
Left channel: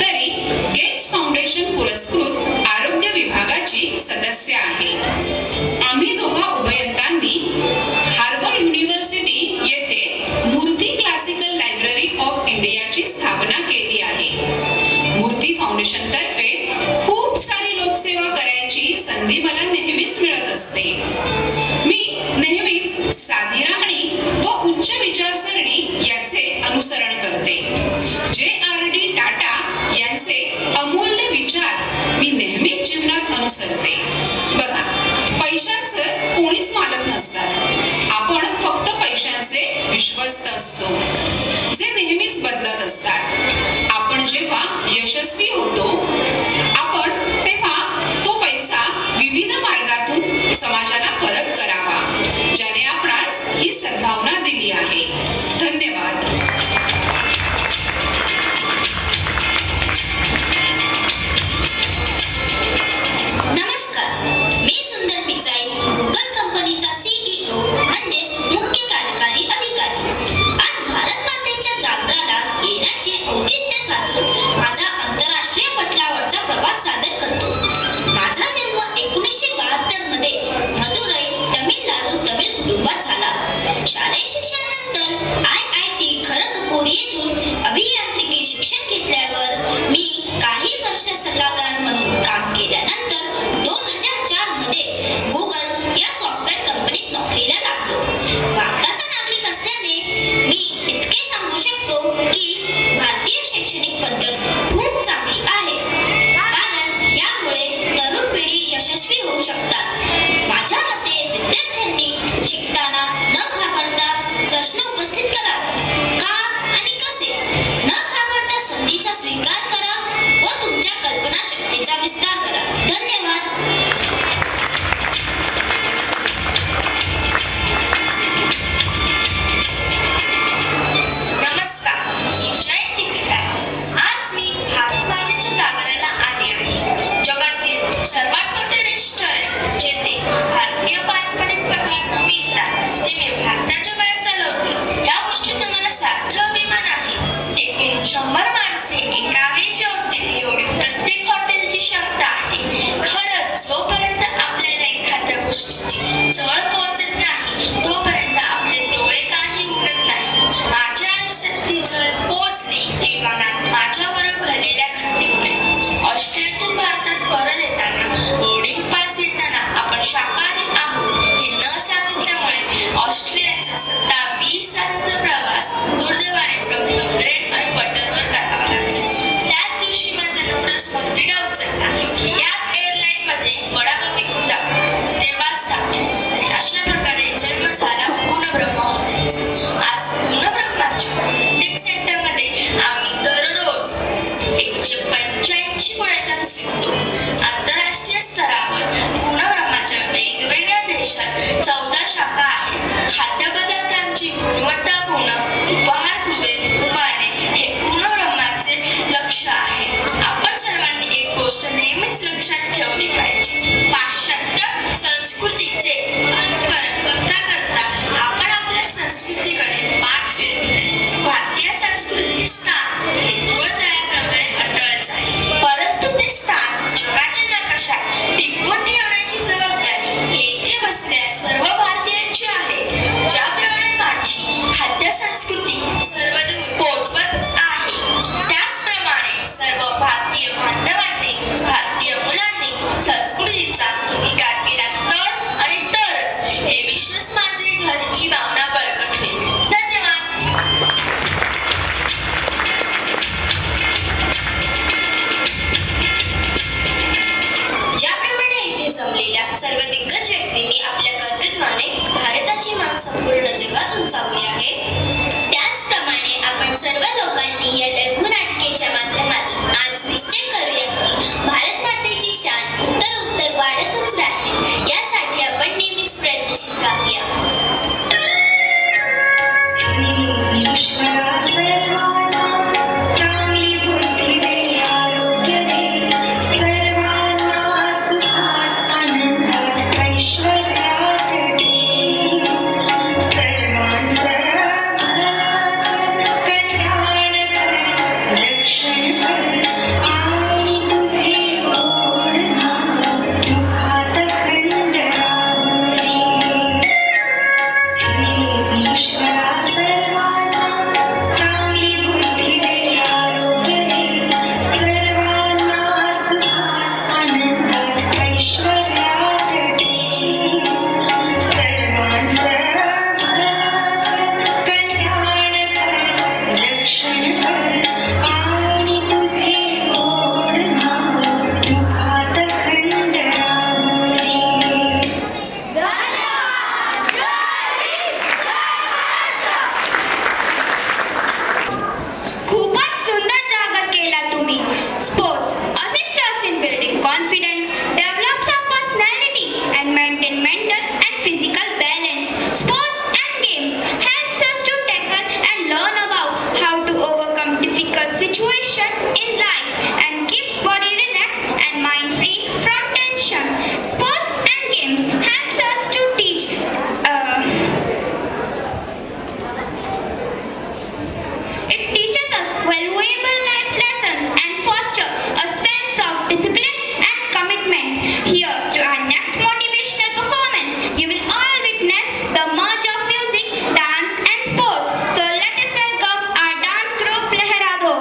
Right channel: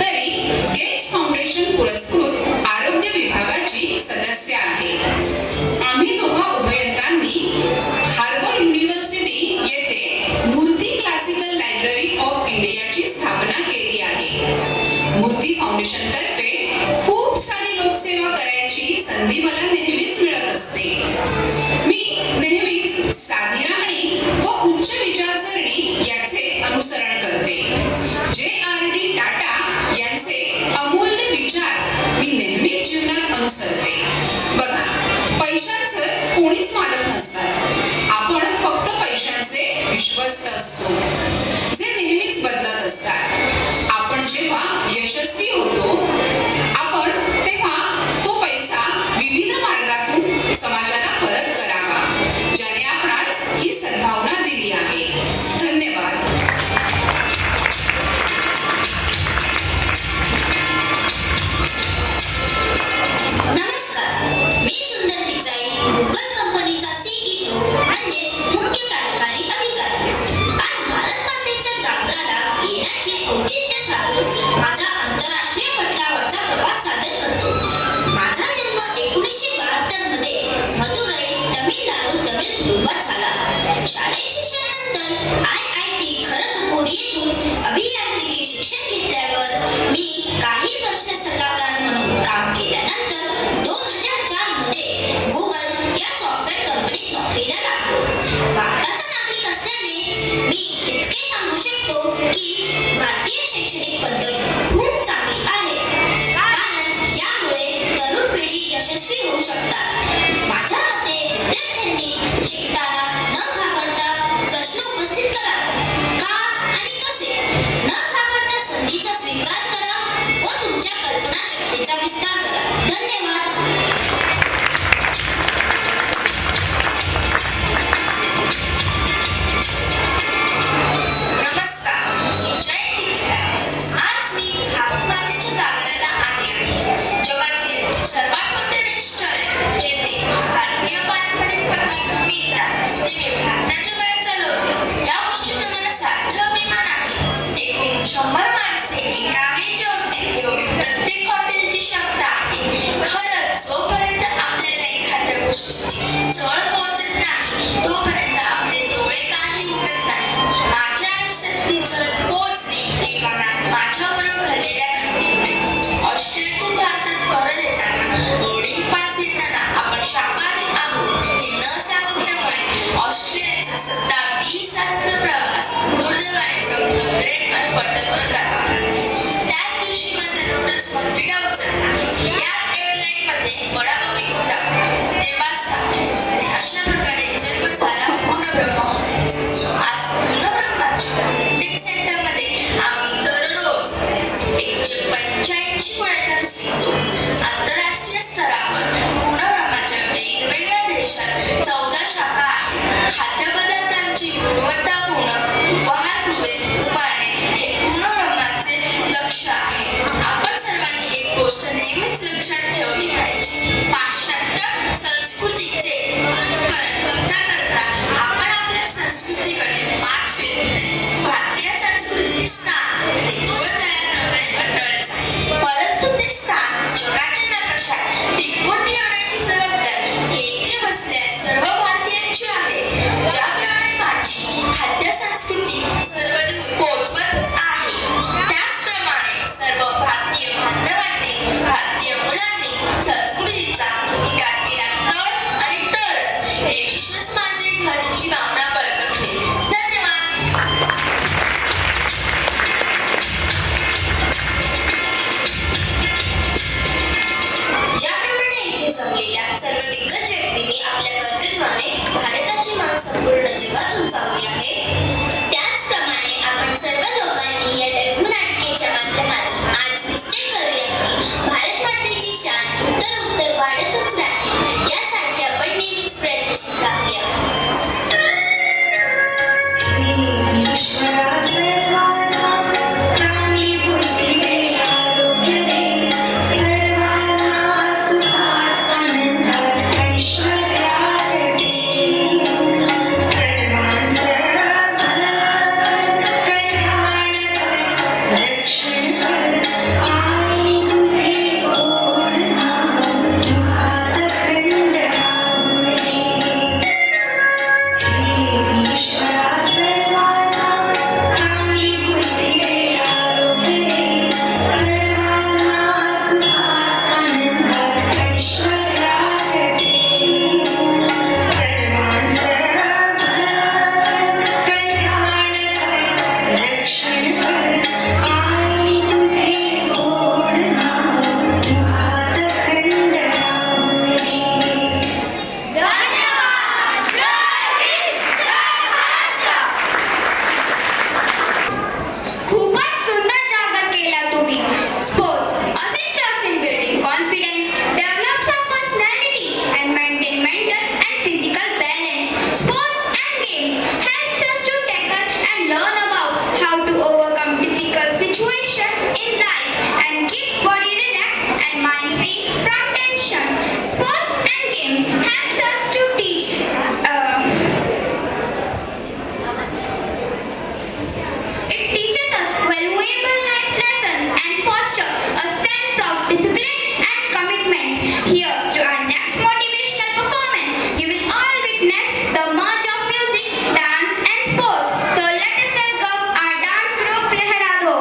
तरी gets foundation पुरस्कृत आरोग्य विभागाची सदस्य आहे. आम्ही दोघा उभयतांनी Harvard university येथे मूर्ती क्लासिकल लायब्ररी ऑफ इंडियाची स्थापना केली आहे. मूर्ती फाउंडेशन तर्फे खूप सारी लोकसेवा करायची संधी मला नेहमीच मिळत असते. मी नेहमीच साधी राहणी व उच्च विचारसरणी याचे अनुसरण करते. J.R.D. टाटा यांचे अमूल्य विचार मी नेहमीच जीवनात अनुसरते. बघा, पैशांचं कोणीच मालक नसतात. आपण फक्त पैशांचे विश्वस्त असतो, जे नेहमीच बदलत असतात. आपण जेव्हा यशस्वी होतो आपण तेव्हा तो पैसा विविध मार्गातून समाजाला परत करावा, ज्याने आपणास ही सद्भावना दिली आहे. धन्यवाद. नमस्कार, मी सुंदर पिचाई, गुगल कंपनीचा CEO म्हणजेच मुख्य कार्यकारी अधिकारी. आज भारत मातेच्या जागराला येण्याचे औचित्य साधून माझा आंतरराष्ट्रीय पटलावरचा प्रवास सादर करतो. माझा जन्म 1972 मध्ये मदुरै, तमिळनाडू कुटुंबात झाला. शालेय शिक्षणानंतर IIT खरगपूर येथून अभियांत्रिकी शिक्षण घेतल्यावर मी काही वर्ष सल्लागार म्हणून काम केल्यानंतर 2004 मध्ये गुगल या सॉफ्टवेअर कंपनीत नोकरीला लागलो. भारताचा नागरिक असल्याने मी इतके सांगू शकतो की भारतीय शैक्षणिक पद्धत खूप चांगली आहे, कारण यामुळे तरुण पिढी यशस्वी होऊ शकतात. माझ्या मते विद्यार्थ्यांनी शिकताना न घाबरता प्रश्न उपस्थित करावे. का आणि कसे न घाबरता संधीचा स्वीकार करा व तुमच्या कल्पनाशक्तीचा विस्तार करा. धन्यवाद. नमस्कार, मी जयंती केदार. आज मी भारत मातेच्या जागराला आले आहे. जगातील सर्वात मोठे रेस्टॉरंट जेथे भारतीय पारंपरिक पदार्थ मिळतात ते मी भारताच्या बाहेर चालवते. या गोष्टीचा मला सार्थ अभिमान आहे. एकूण 100 माणसे एका वेळी जेवतील एवढी प्रत्येक हॉटेलची क्षमता आहे. खरंच जोपर्यंत आपल्याला एखाद्या गोष्टीची चळ पोहोचत नाही तोपर्यंत आपले डोळे काही उघडत नाही. माझ्या आयुष्यात ती चळ पोहोचली हे मनात माझ्याबरोबर घडलेल्या घटनेमुळे. ऑस्ट्रेलियातून भारतात परत येताना बोर्डिंग पास घेताना आपण शाकाहारी आहोत हे न सांगितल्यामुळे ऑस्ट्रेलियाचा 27 तासांचा प्रवास दुर्दैवाने फक्त ब्रेड आणि बटरवर करावा लागला. त्याच दिवशी माझा नवरस मोठीडा उचलला की याच एअरलाईनमध्ये वडापाव विकून दाखवा, ते वाचता. आणि अशा प्रकारे जन्म झाला पूर्णब्रह्म हॉटेलचा. आज पूर्णब्रह्माच्या प्रत्येक सेंटरमध्ये आम्ही दररोज 185 फूड आयटम्स विकतो. आंतरराष्ट्रीय स्तरावर पूर्णब्रह्माच्या वेगवेगळ्या देशात 14 शाखा आहेत. खाद्यपदार्थांची गुणवत्तापूर्ण उपहारगृहे उभारणे हे पूर्णब्रह्माचे लक्ष्य आहे. आपण सर्वांनी एक गोष्ट नेहमीच लक्षात ठेवली पाहिजे. पाश्चात्य संस्कृतीचे अनुकरण करता करता आपण आपल्या संस्कृतीकडे पाठ फिरवले. भारतीय संस्कृतीचे स्थान हे ध्रुवताऱ्याप्रमाणे अटळच आहे, परंतु ते स्थान जगाच्या नकाशात टिकवून ठेवण्याची जबाबदारी येथे बसलेल्या सर्व भारतीयांची आहे. ज्याप्रमाणे माझी खाद्य संस्कृती सर्वदूर पोहोचवत आहे, त्याचप्रमाणे सर्व भारतीय बांधवांनी, भारतीय मुलांनी संस्कृतीचा अंगीकार केला तर आणि तरच हे विश्व hobby. Sports assist us in building confidence, develops our personality, and maintain mental and physical balance. Sports and games helps us to tackle and learn about how to overcome difficult situations in life and keeps body relaxed and mind free from tension. Sports and games helps us to teach it teaches us valuable life lessons and foster a sense of discipline and commitment. Here to our next motivational performance, you will all witness the merge of music, dance and sports. So let us welcome our dance group Lehrado.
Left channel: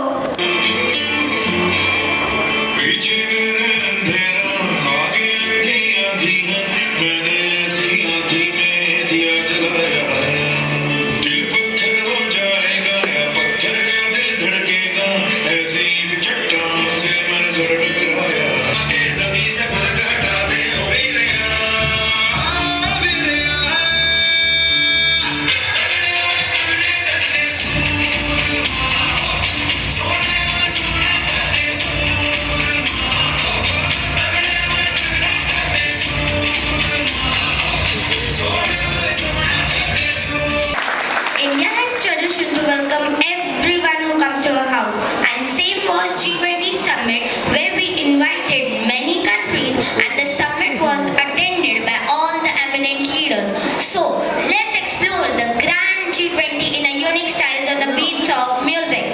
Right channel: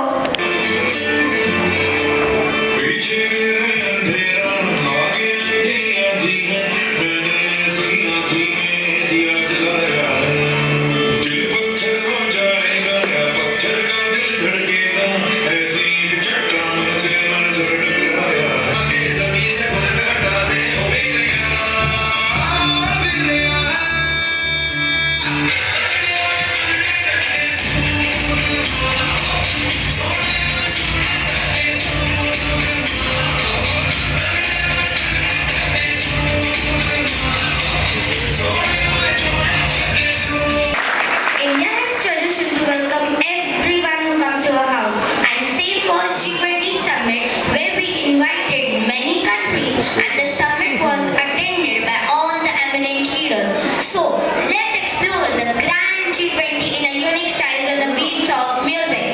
India has tradition to welcome everyone who comes to our house, and same was G20 summit where we invited many countries and the summit was attended by all the eminent leaders. So let's explore the grand G20 in a unique style on the beats of music.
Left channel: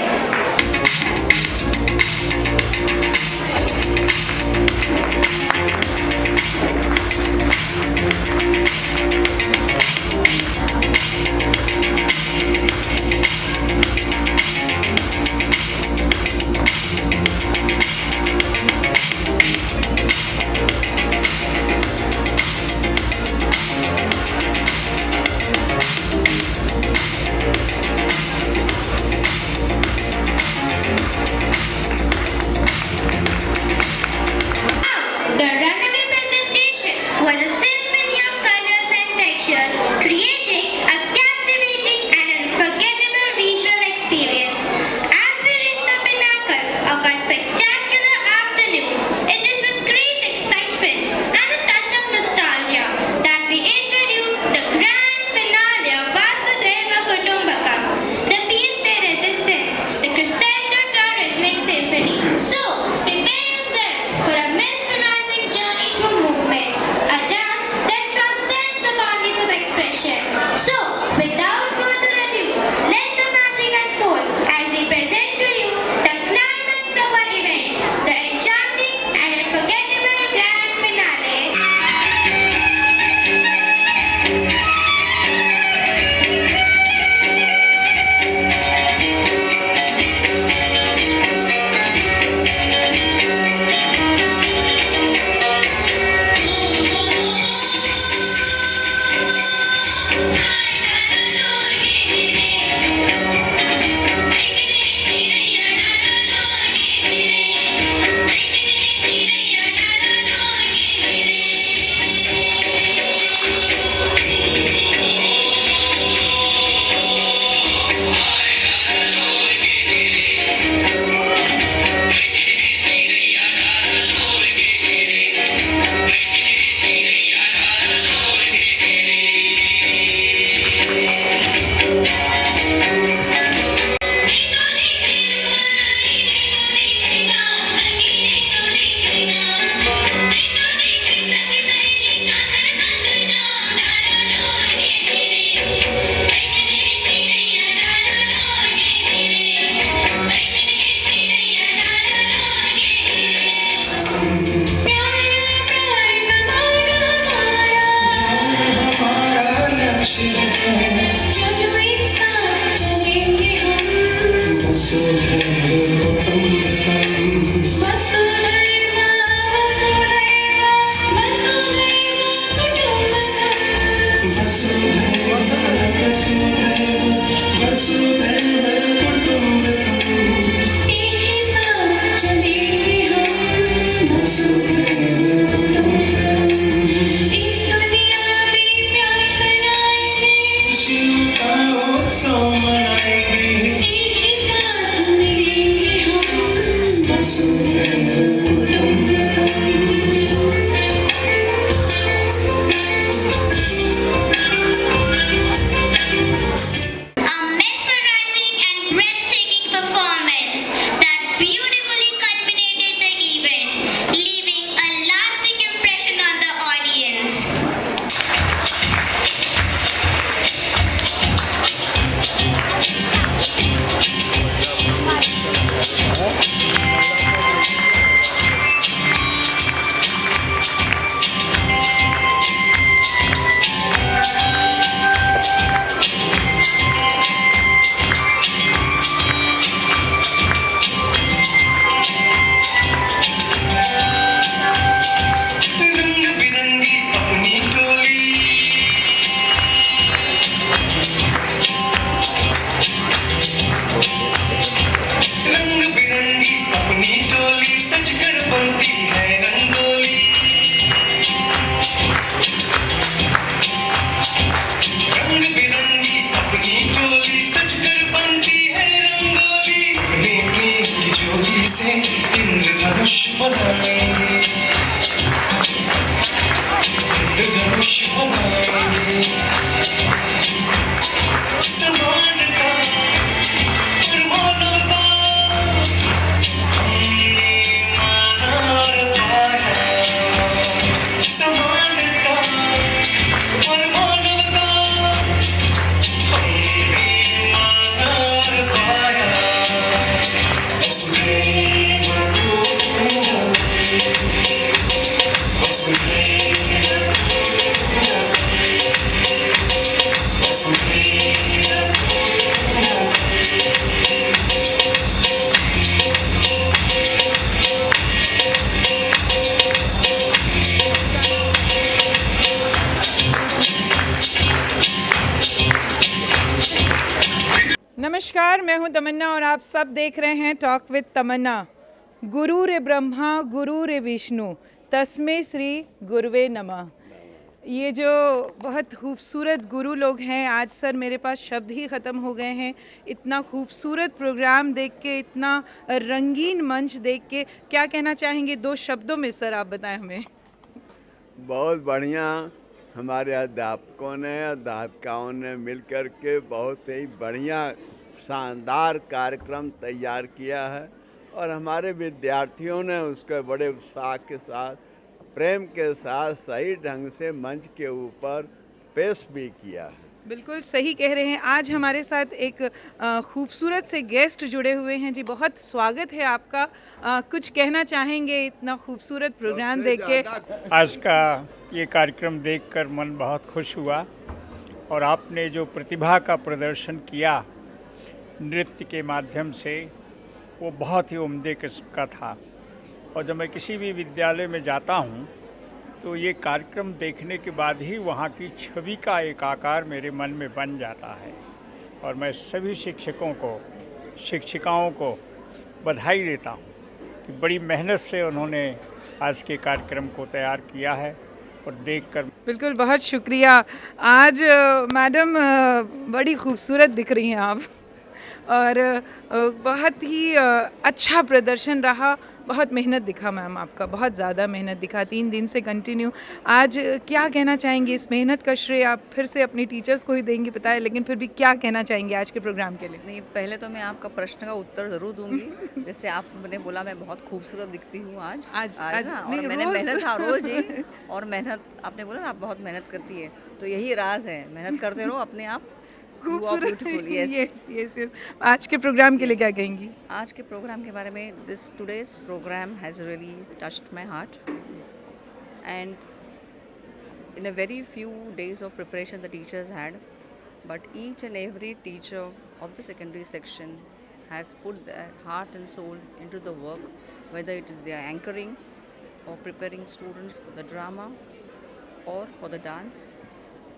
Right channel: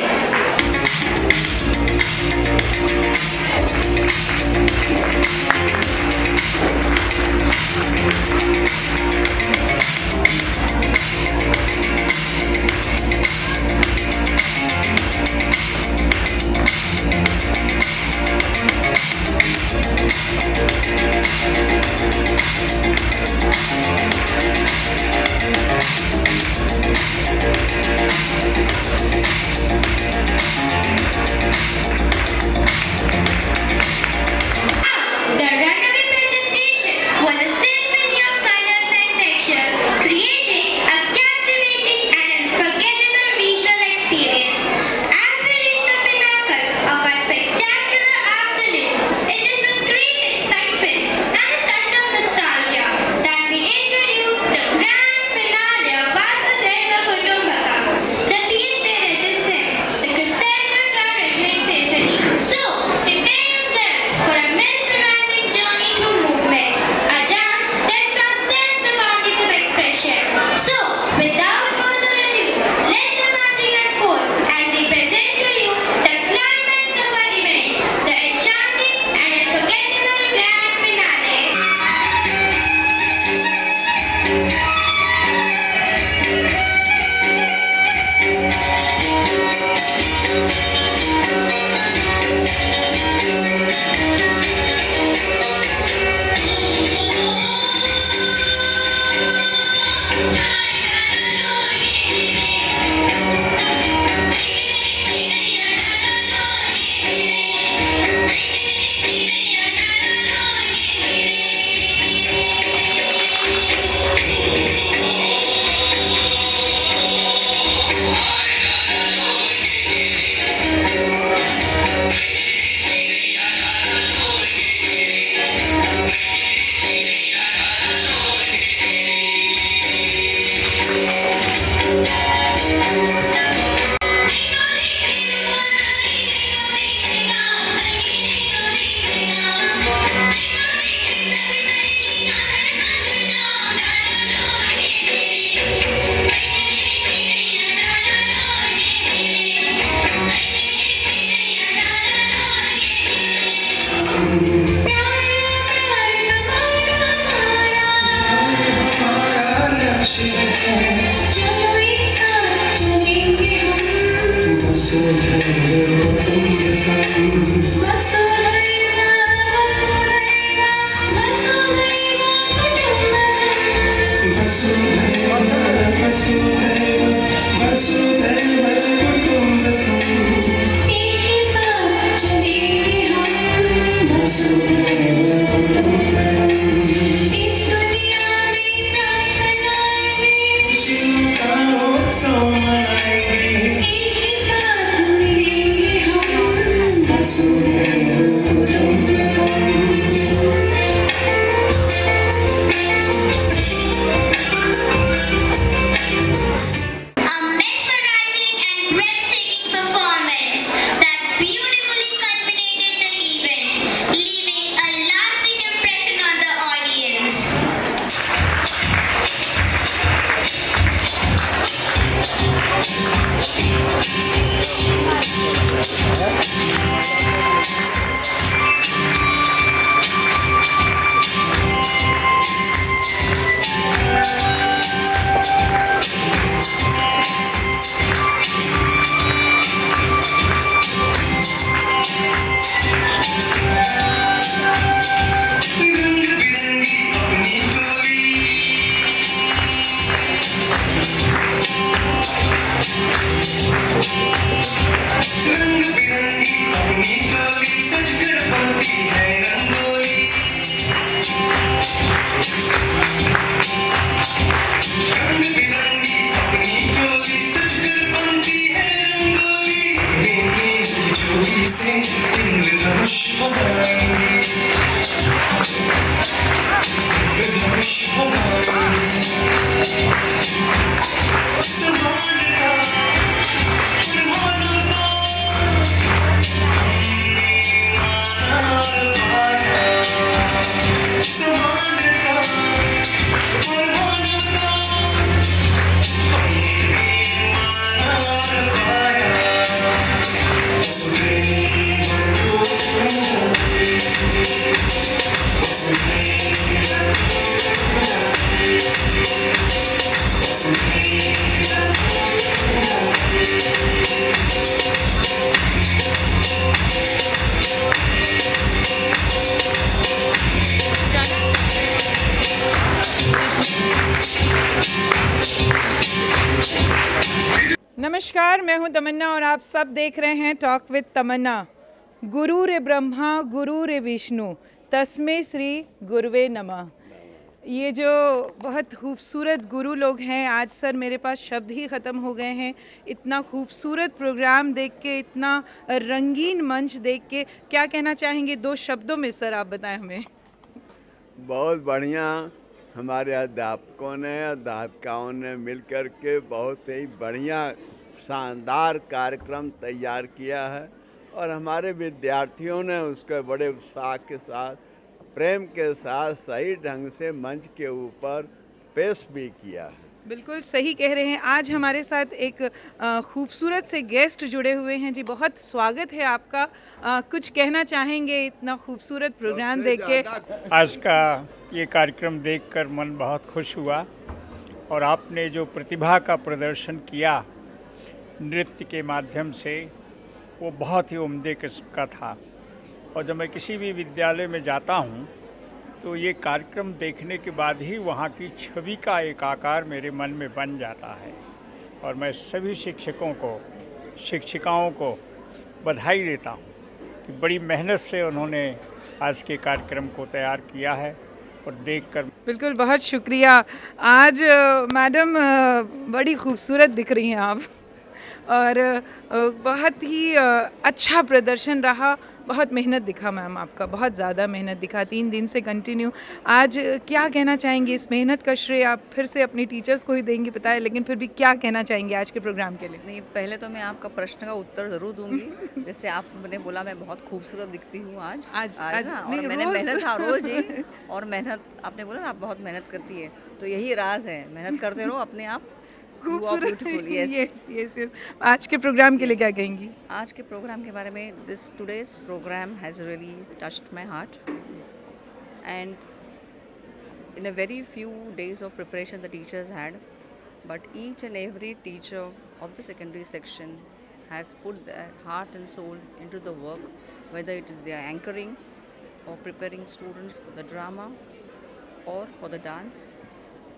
The runaway presentation was a symphony of colors and textures, creating a captivating and unforgettable visual experience. As we reach the pinnacle of our spectacular afternoon, it is with great excitement and a touch of nostalgia that we introduce the grand finale of Vasudhaiva Kutumbakam, the piece de resistance, the crescendo to our rhythmic symphony. So, prepare yourselves for a mesmerizing journey through movement, a dance that transcends the boundaries of expression. So, without further ado, let the magic unfold as we present to you the climax of our event, the enchanting and unforgettable grand finale. mesmerizing and breathtaking performance that beautifully culminated the event, leaving a lasting impression on the audience. नमस्कार, मैं हूं तमन्ना और आप सब देख रहे हैं talk with तमन्ना। गुरु रे ब्रह्मा गुरु रे विष्णु तस्मै श्री गुरुवे नमः। ये जो बहुत खूबसूरत गुरु लोग हैं, आज सर मेरे पास शब्द ही ख़त्म हो गए हैं। इतना खूबसूरत प्रोग्राम देख के, इतना रंगीन मंच देख के, क्या कहना चाहेंगे दो शब्दों में सर, आप बताएं हमें। बहुत बढ़िया हमारे अध्यापकों ने अध्यापिकाओं ने मिलकर के बहुत ही बढ़िया शानदार कार्यक्रम तैयार किया है और हमारे विद्यार्थियों ने उसके बड़े उत्साह के साथ, प्रेम के साथ सही ढंग से मंच के ऊपर पेश भी किया है। बिल्कुल सही कह रहे हैं। आज हमारे साथ एक खूबसूरत से गेस्ट जुड़े हुए हैं जी, बहुत स्वागत है आपका। कुछ कहना चाहेंगे इतना खूबसूरत प्रोग्राम देख के? आज का ये कार्यक्रम देखकर मन बहुत खुश हुआ और आपने जो प्रतिभा का प्रदर्शन किया नृत्य के माध्यम से, वो बहुत ही उम्दे किस्म का था। और जब मैं किसी भी विद्यालय में जाता हूँ तो ये कार्यक्रम देखने के बाद ही वहाँ की छवि का एक आकार मेरे मन में बन जाता है। और मैं सभी शिक्षकों को, शिक्षिकाओं को बधाई देता हूँ कि बड़ी मेहनत से उन्होंने आज के कार्यक्रम को तैयार किया है और देखकर। बिल्कुल, बहुत शुक्रिया। आज मैडम बड़ी खूबसूरत दिख रही हैं आप और बहुत ही अच्छा प्रदर्शन रहा। बहुत मेहनत दिखा मैम आपका, बहुत ज़्यादा मेहनत दिखा, 3 दिन से कंटिन्यू। आज क्या कहना चाहेंगे? इस मेहनत का श्रेय आप फिर से अपने टीचर्स को ही देंगे, बताएं, लेकिन फिर भी क्या कहना चाहेंगे आज के प्रोग्राम के लिए? नहीं, पहले तो मैं आपका प्रश्न का उत्तर ज़रूर दूंगी। जैसे आपने बोला मैं बहुत खूबसूरत दिखती हूँ आज ना, और मैंने मेहनत रोज़ ही, और मेहनत आपने बोला ना आप बहुत मेहनत करती है, तो यही राज है, मेहनत करते रहो, अपने आप खूबसूरत। यस। आज के प्रोग्राम के लिए क्या कहेंगी? आज के प्रोग्राम के बारे में, this today's programme has really touched my heart and in a very few days of preparation the teachers had, but each and every teacher of the secondary section has put their heart and soul into the work, whether it is their anchoring or preparing students for the drama or for the dance.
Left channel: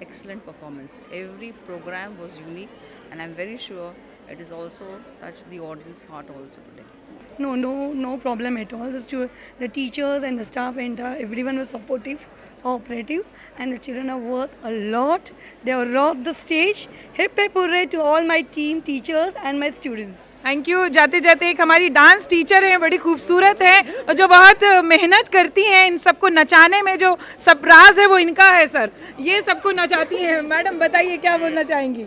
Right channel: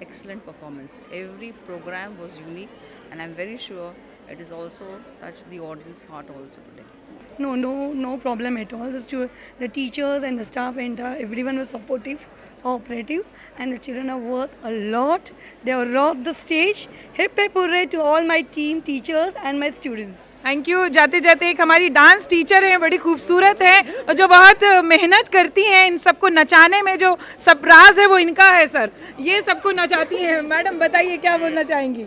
Excellent performance. Every program was unique and I'm very sure it is also touched the audience heart also today. No problem at all. The teachers and the staff and everyone was supportive, cooperative, and the children are worth a lot. They have rocked the stage. Hip hip hooray to all my team, teachers and my students. Thank you. जाते जाते एक हमारी dance teacher हैं, बड़ी खूबसूरत हैं और जो बहुत मेहनत करती हैं इन सबको नचाने में, जो सब राज है वो इनका है सर, ये सबको नचाती हैं। मैडम बताइए क्या बोलना चाहेंगी?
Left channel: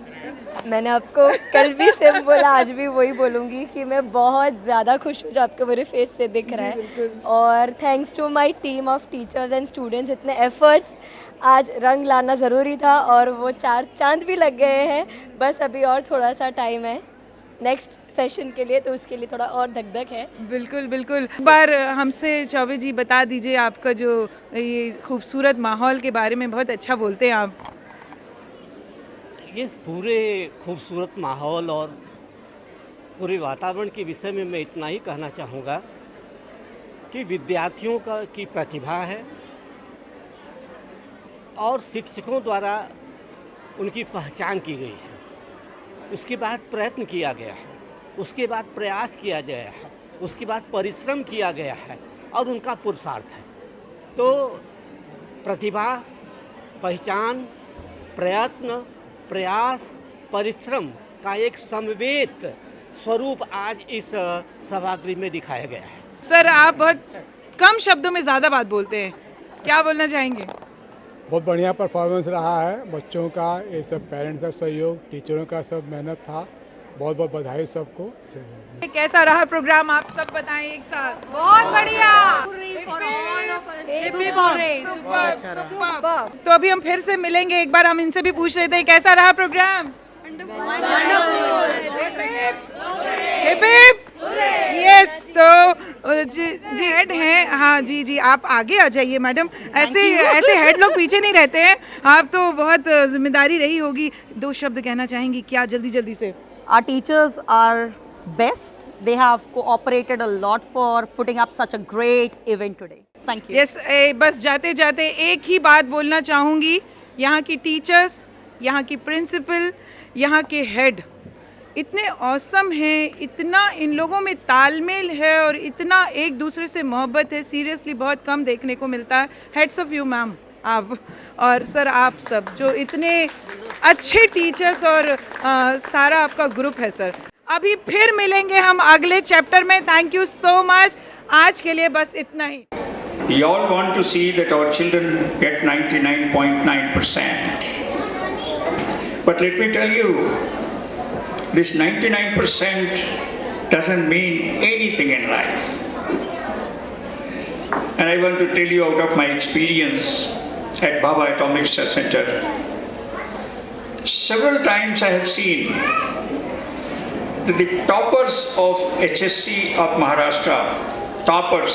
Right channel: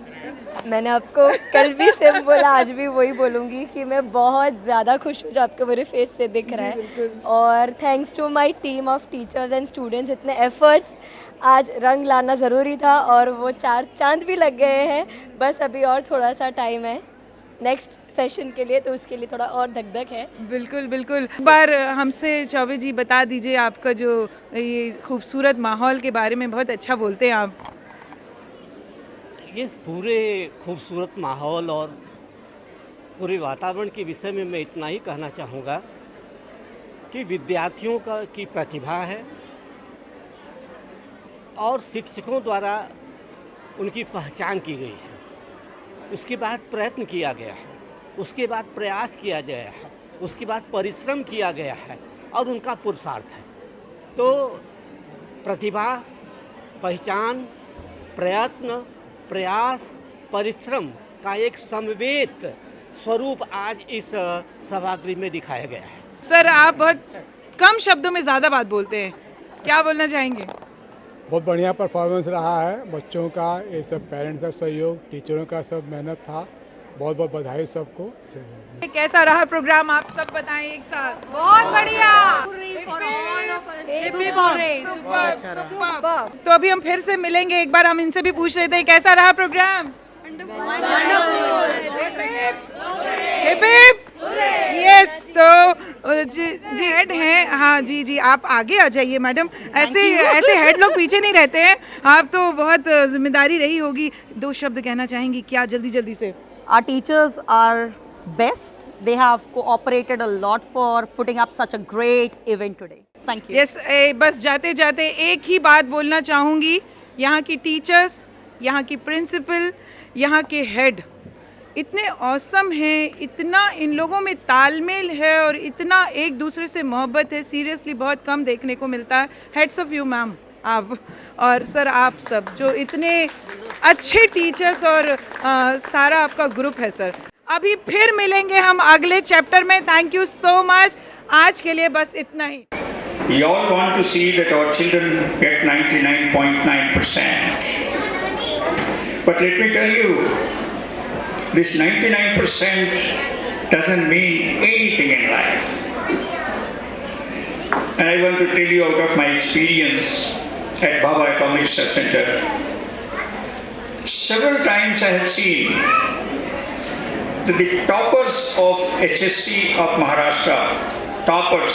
मैंने आपको कल भी सेम बोला, आज भी वही बोलूँगी कि मैं बहुत ज़्यादा खुश हूँ जो आपको मेरे फेस से दिख रहा है। और thanks to my team of teachers and students, इतने एफर्ट्स, आज रंग लाना ज़रूरी था और वो 4 चांद भी लग गए हैं। बस अभी और थोड़ा सा टाइम है नेक्स्ट सेशन के लिए, तो उसके लिए थोड़ा और धक-धक है। बिल्कुल बिल्कुल। एक बार हमसे चौबे जी बता दीजिए, आपका जो ये खूबसूरत माहौल के बारे में बहुत अच्छा बोलते हैं आप। इस पूरे खूबसूरत माहौल और पूरे वातावरण के विषय में मैं इतना ही कहना चाहूँगा कि विद्यार्थियों की प्रतिभा है और शिक्षकों द्वारा उनकी पहचान की गई है, उसके बाद प्रयत्न किया गया है, उसके बाद प्रयास किया गया है, उसके बाद परिश्रम किया गया है और उनका पुरुषार्थ है। तो प्रतिभा, पहचान, प्रयत्न, प्रयास, परिश्रम का एक समवेत स्वरूप आज इस सभागृह में दिखाया गया है। सर आप बहुत कम शब्दों में ज़्यादा बात बोलते हैं, क्या बोलना चाहेंगे? बहुत बढ़िया परफॉर्मेंस रहा है, बच्चों का, ये सब पेरेंट्स का सहयोग, टीचरों का सब मेहनत था। बहुत बहुत बधाई सबको। कैसा रहा प्रोग्राम, आप सब बताएं एक साथ। बहुत बढ़िया। तो अभी हम फिर से मिलेंगे, एक बार हम इनसे भी पूछ लेते हैं कैसा रहा प्रोग्राम। यस, तो जी हेड हैं, हाँ जी आप आगे आ जाइए मैडम, ऐसे हेड लोग पीछे नहीं रहते हैं, आप तो बहुत जिम्मेदारी रही होगी। 2 शब्द कहना चाहेंगी क्या जल्दी से? Our teachers are best. They have cooperated a lot for putting up such a great event today. Thank you. Yes, बस जाते जाते एक ही बात बोलना चाहूँगी, यहाँ की टीचर्स, यहाँ की प्रिंसिपल, यहाँ के हेड इतने ऑसम हैं, इतना इन लोगों में तालमेल है और इतना एक दूसरे से मोहब्बत है, सीरियसली बहुत कम देखने को मिलता है। हेड्स ऑफ यू मैम आप, और सर आप सब जो इतने अच्छे टीचर्स और सारा आपका ग्रुप है सर। अभी फिर मिलेंगे हम अगले चैप्टर में। थैंक यू सो मच, आज के लिए बस इतना ही। We all want to see that our children get 99.9%. But let me tell you, this 99% doesn't mean anything in life. And I want to tell you out of my experience at Bhabha Atomic Research Center. Several times I have seen that the toppers of HSC of Maharashtra, toppers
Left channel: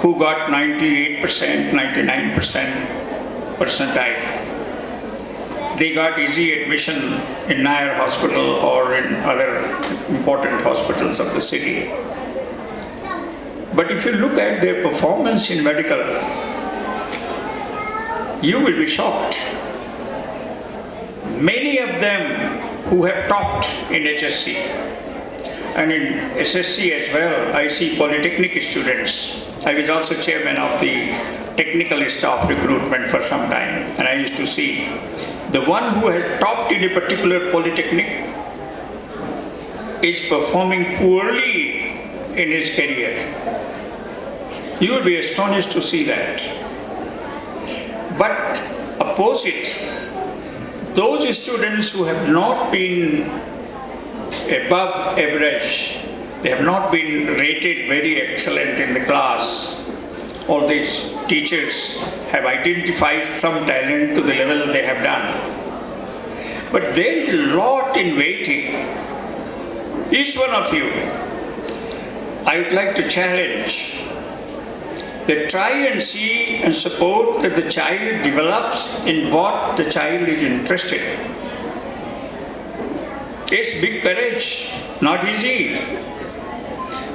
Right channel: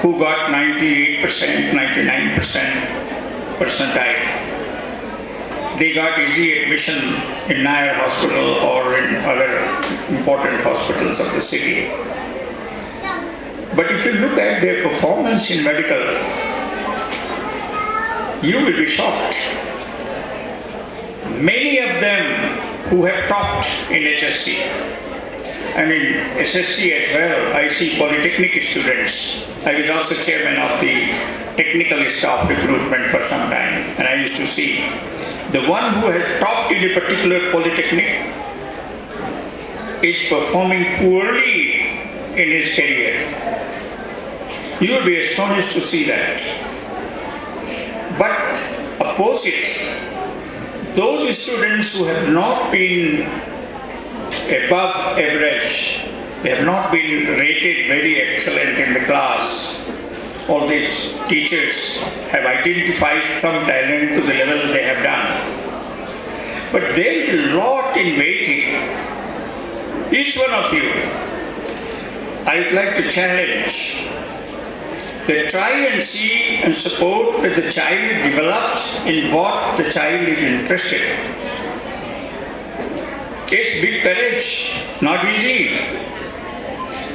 who got 98%, 99% percentile, they got easy admission in Nair Hospital or in other important hospitals of the city. But if you look at their performance in medical, you will be shocked. Many of them who have topped in HSC and in SSC as well, I see polytechnic students. I was also chairman of the technical staff recruitment for some time, and I used to see the one who has topped in a particular polytechnic is performing poorly in his career. You will be astonished to see that. But opposite, those students who have not been above average, they have not been rated very excellent in the class, all these teachers have identified some talent to the level they have done. But there is a lot in waiting. Each one of you, I would like to challenge that try and see and support that the child develops in what the child is interested. It's big courage, not easy.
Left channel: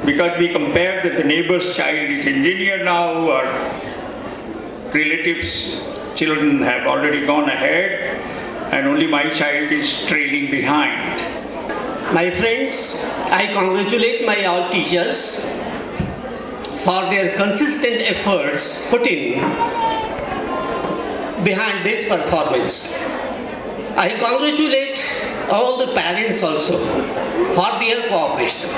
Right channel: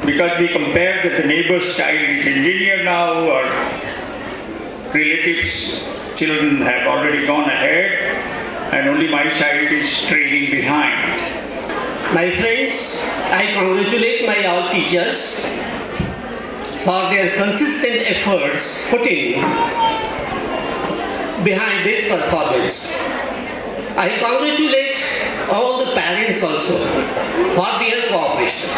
Because we compare that the neighbor's child is engineer now, or relatives' children have already gone ahead, and only my child is trailing behind. My friends, I congratulate my all teachers for their consistent efforts put in behind this performance. I congratulate all the parents also for their cooperation.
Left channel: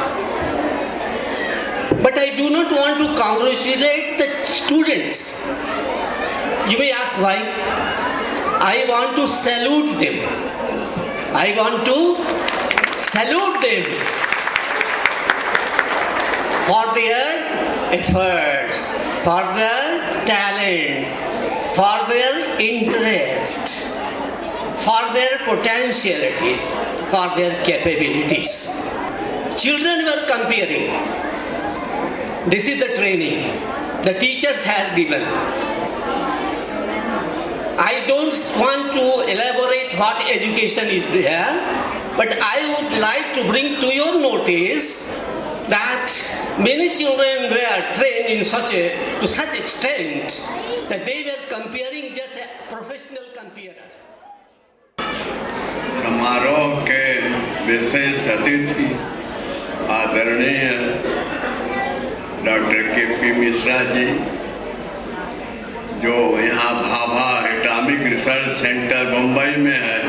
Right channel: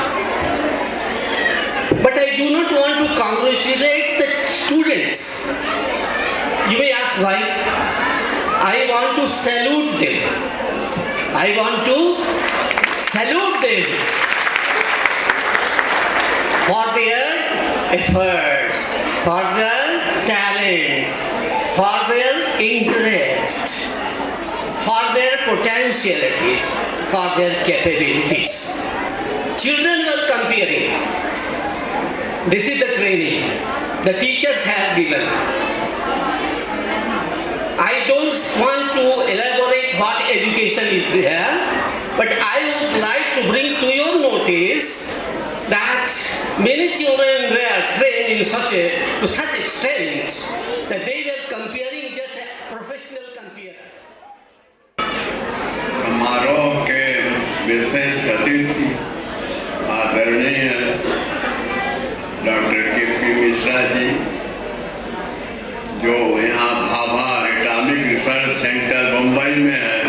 But I do not want to congratulate the students. You may ask why. I want to salute them. I want to salute them for their efforts, for their talents, for their interest, for their potentialities, for their capabilities. Children were comparing. This is the training the teachers have given. I don't want to elaborate what education is there, but I would like to bring to your notice that many children were trained to such extent that they were comparing just a professional comparer. समारोह के विशेष अतिथि आदरणीय doctor KP. Mishra ji, जो यहाँ Bhabha atomic research centre Mumbai में है,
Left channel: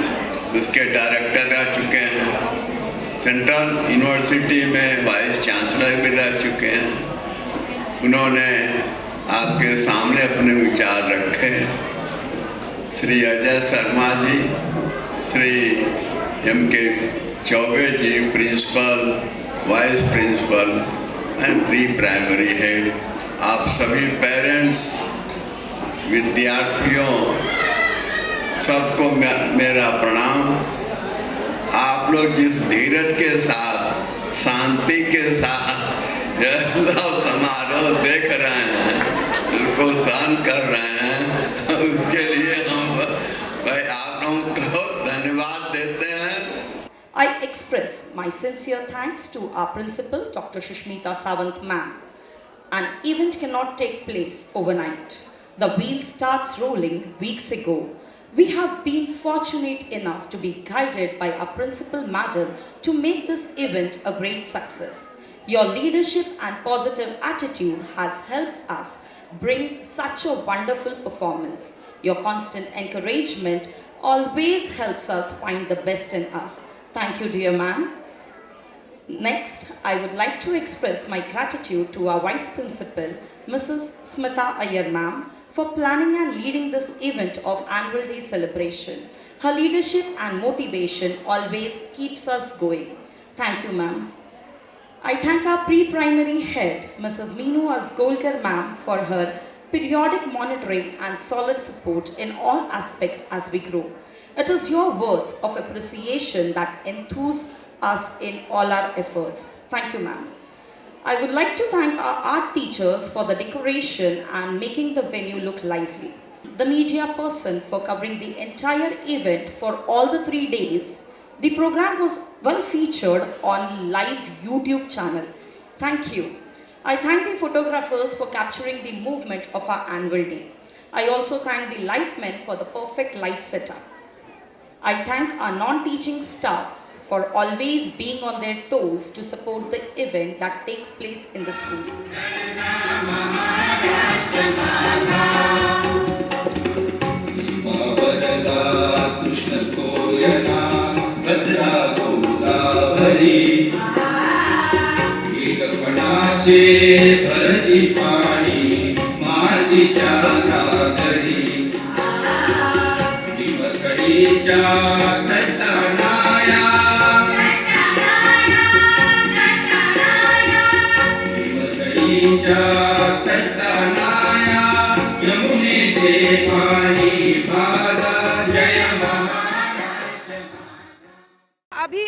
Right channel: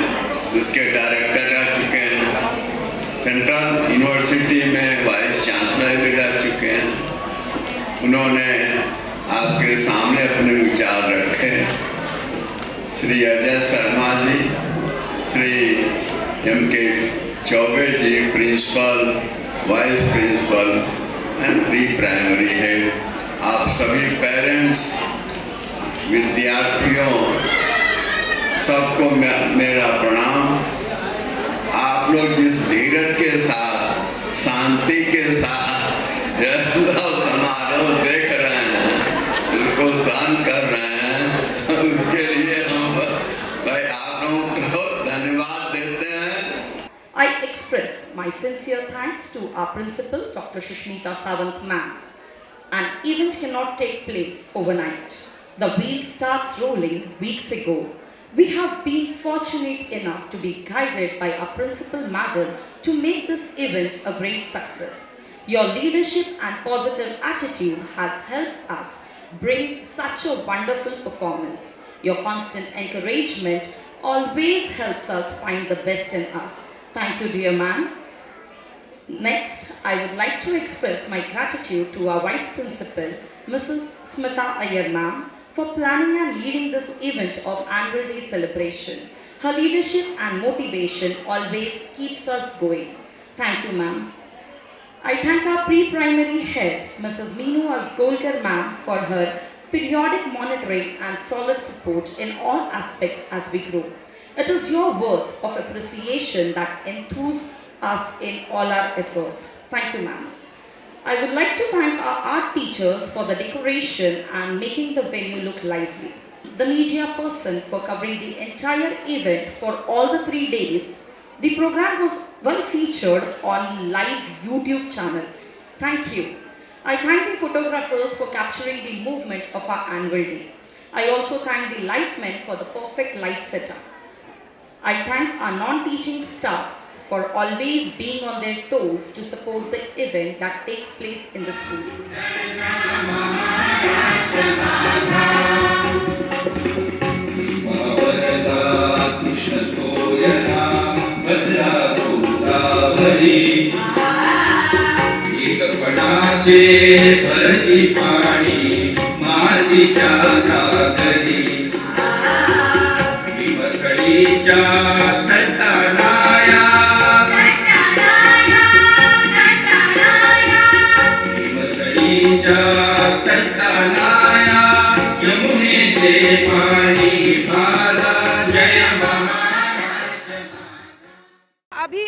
उसके director रह चुके हैं, सेंट्रल यूनिवर्सिटी में वाइस चांसलर भी रह चुके हैं। उन्होंने आपके सामने अपने विचार रखे। Shri Ajay Sharma ji, Shri M.K. Chaubey ji, principal, vice principal and pre primary head, आप सभी पेरेंट्स, विद्यार्थियों, सबको मेरा प्रणाम। आप लोग जिस धीरज के साथ, शांति के साथ यह सब समारोह देख रहे हैं, इसको सहन कर रहे हैं, उसके लिए हम भाई आप लोगों को धन्यवाद देते हैं। I express my sincere thanks to our principal, Dr. Sushmita Sawant ma'am. An event cannot take place overnight. The wheel starts rolling weeks ago. We have been fortunate enough to be guided by our principal madam to make this event a great success. Your leadership and positive attitude has helped us bring such a wonderful performance. Your constant encouragement always helps us find the best in us. Thank you, dear ma'am. Next, I would like to express my gratitude to our Vice Principal, Mrs. Smita Iyer ma'am, for planning and leading this event of Annual Day celebration. Her leadership and motivation always keeps us going. Thank you, ma'am. I thank our pre-primary head, Mrs. Meenu Asgolkar ma'am, for her periodic monitoring and solid support in all aspects as we grow. It is your words of appreciation that enthuse us in all our efforts. Thank you, ma'am. I would like to thank our art teachers for the decoration and making the venue look lively. The media person for covering the entire event for all the 3 days. The program was well featured on live YouTube channel. Thank you. I thank the photographers for capturing the movement of our annual day. I also thank the lightmen for the perfect light setup. I thank our non-teaching staff for always being on their toes to support the event that takes place in the school.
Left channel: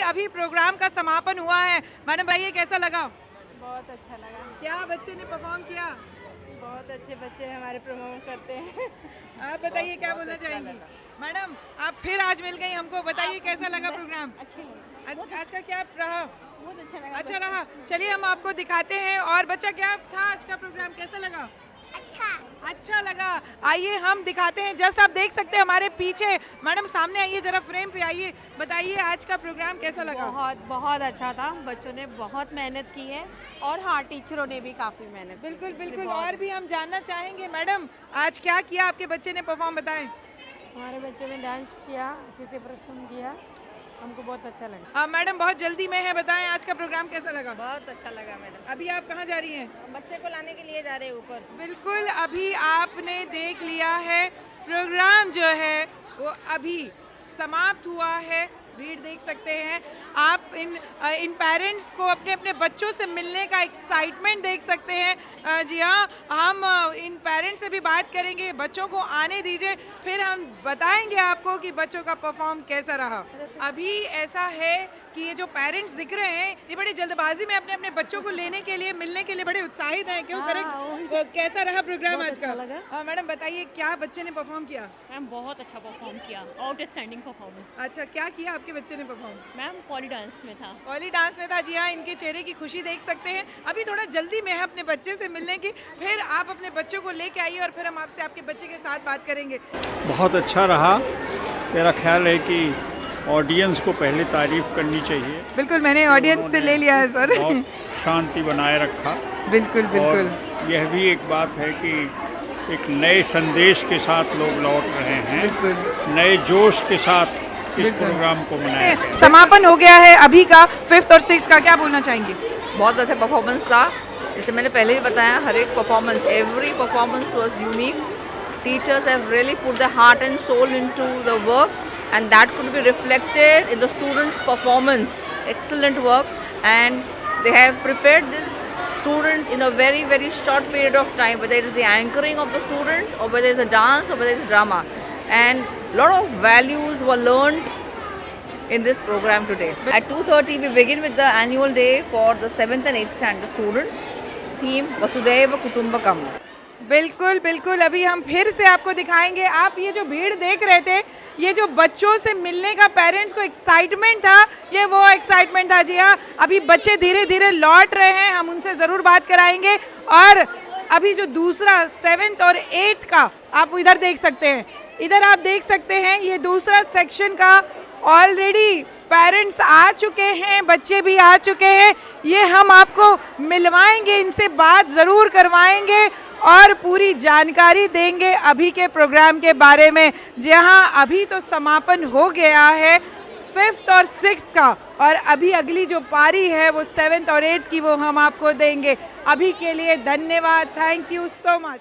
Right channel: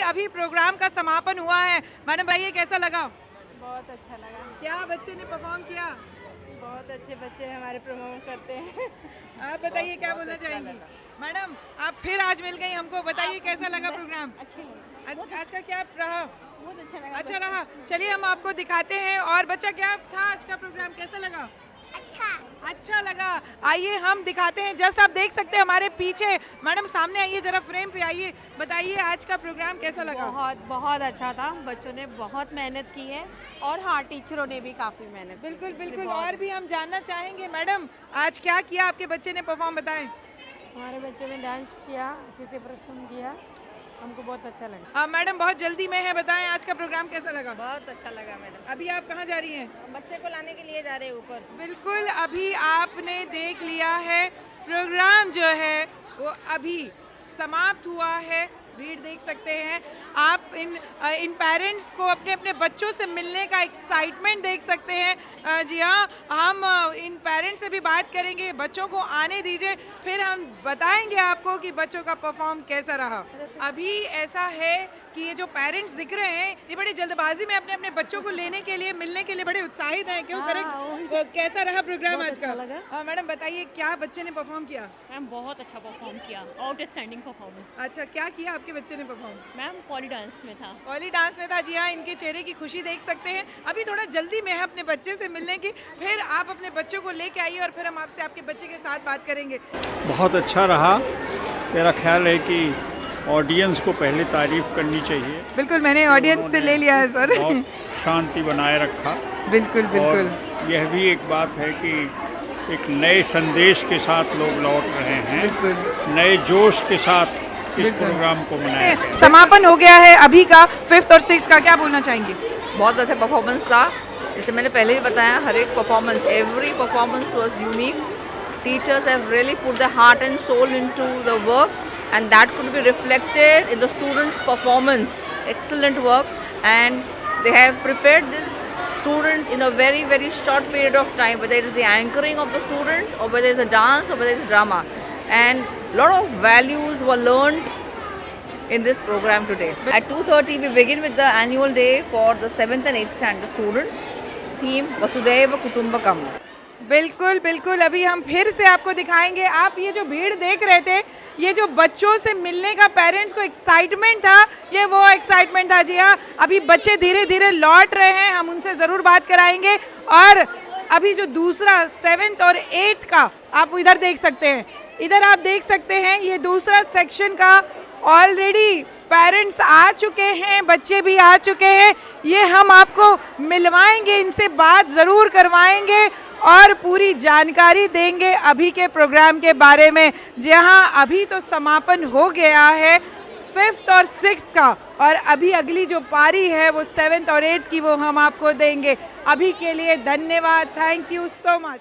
अभी programme का समापन हुआ है। Madam भाई, ये कैसा लगा? बहुत अच्छा लगा। क्या बच्चे ने परफॉर्म किया? बहुत अच्छे बच्चे हमारे परफॉर्म करते हैं। आप बताइए क्या बोलना चाहेंगी? मैडम, आप फिर आज मिल गई हमको, बताइए कैसा लगा प्रोग्राम? अच्छी लगी। आज का क्या रहा? बहुत अच्छा लगा। अच्छा रहा। चलिए हम आपको दिखाते हैं। और बच्चा, क्या था आज का प्रोग्राम, कैसा लगा? अच्छा लगा। आइए हम दिखाते हैं, जस्ट आप देख सकते हैं हमारे पीछे। मैडम सामने आइए, जरा फ्रेम पे आइए, बताइए आज का प्रोग्राम कैसा लगा? बहुत अच्छा था। बच्चों ने बहुत मेहनत की है और हाँ, टीचरों ने भी काफ़ी मेहनत। बिल्कुल बिल्कुल। और भी हम जानना चाहेंगे, मैडम आज क्या किया आपके बच्चे ने परफॉर्म, बताएं। हमारे बच्चे ने डांस किया, अच्छे से परफॉर्म किया, हमको बहुत अच्छा लगा। हाँ मैडम बहुत जल्दी में है, बताएं आज का प्रोग्राम कैसा लगा? बहुत अच्छा लगा मैडम। अभी आप कहाँ जा रही हैं? बच्चे को लाने के लिए जा रहे हैं ऊपर। बिल्कुल, अभी आपने देख लिया है प्रोग्राम जो है वो अभी समाप्त हुआ है। भीड़ देख सकते हैं आप, इन पेरेंट्स को अपने अपने बच्चों से मिलने का एक्साइटमेंट देख सकते हैं। जी हाँ, हम इन पेरेंट्स से भी बात करेंगे, बच्चों को आने दीजिए, फिर हम बताएंगे आपको कि बच्चों का परफॉर्म कैसा रहा। अभी ऐसा है कि ये जो पेरेंट्स दिख रहे हैं ये बड़ी जल्दबाजी में अपने अपने बच्चों को लेने के लिए, मिलने के लिए बड़े उत्साहित हैं, क्यों? करेक्ट। कैसा रहा प्रोग्राम आज का? हाँ मैडम बताइए, क्या बच्चे ने परफॉर्म किया? मैम बहुत अच्छा परफॉर्म किया, आउटस्टैंडिंग परफॉर्मेंस। अच्छा, क्या किया आपके बच्चे ने परफॉर्म? मैम पॉली डांस में था। पॉली डांस में था, जी हाँ, इनके चेहरे की खुशी देख सकते हैं। अभी थोड़ा जल्दी में है अपने बच्चे से मिलने की, फिर आप अपने बच्चों को लेके आइए और फिर हम आपसे आपके बच्चे के साथ बात करेंगे। बहुत अच्छा रहा। मेरा ख्याल है कि ऑडियंस को पहले तारीफ करनी चाहिए। बिल्कुल, मैंने ऑडियंस से ले लिया है सर। बहुत शांति बनाए रखा। बिल्कुल बिल्कुल। और यह भी एक बात है कि एक नए संदेश के साथ लोग लौट रहे हैं, बिल्कुल नए जोश के साथ इस प्रोग्राम को मनाया गया। समापन हो गया है अभी का 5th और 6th का, क्या बोलना चाहेंगे? बहुत अच्छा परफॉर्मेंस था। जैसे मैंने पहले ही बताया, हर एक performance, every performance was unique. Teachers have really put the heart and soul into the work, and that could be reflected in the students' performance. Excellent work, and they have prepared these students in a very, very short period of time, whether it is the anchoring of the students or whether it's a dance or whether it's drama. And a lot of values were learned in this program today. At 2:30 we begin with the annual day for the 7th and 8th standard students. Theme Vasudhaiva Kutumbakam. बिल्कुल बिल्कुल। अभी हम फिर से आपको दिखाएंगे। आप ये जो भीड़ देख रहे थे, ये जो बच्चों से मिलने का पेरेंट्स को एक्साइटमेंट था, ये वो एक्साइटमेंट था। जी हाँ, अभी बच्चे धीरे धीरे लौट रहे हैं, हम उनसे ज़रूर बात कराएंगे। और अभी जो दूसरा 7th और 8th का आप इधर देख सकते हैं, इधर आप देख सकते हैं ये दूसरा सेक्शन का ऑलरेडी पेरेंट्स आ चुके हैं, बच्चे भी आ चुके हैं। ये हम आपको मिलवाएंगे, इनसे बात ज़रूर करवाएंगे और पूरी जानकारी देंगे अभी के प्रोग्राम के बारे में। जहाँ अभी तो समापन हो गया है 5th और 6th का, और अभी अगली जो पारी है वो 7th और 8th की, वो हम आपको देंगे। अभी के लिए धन्यवाद, थैंक यू सो मच।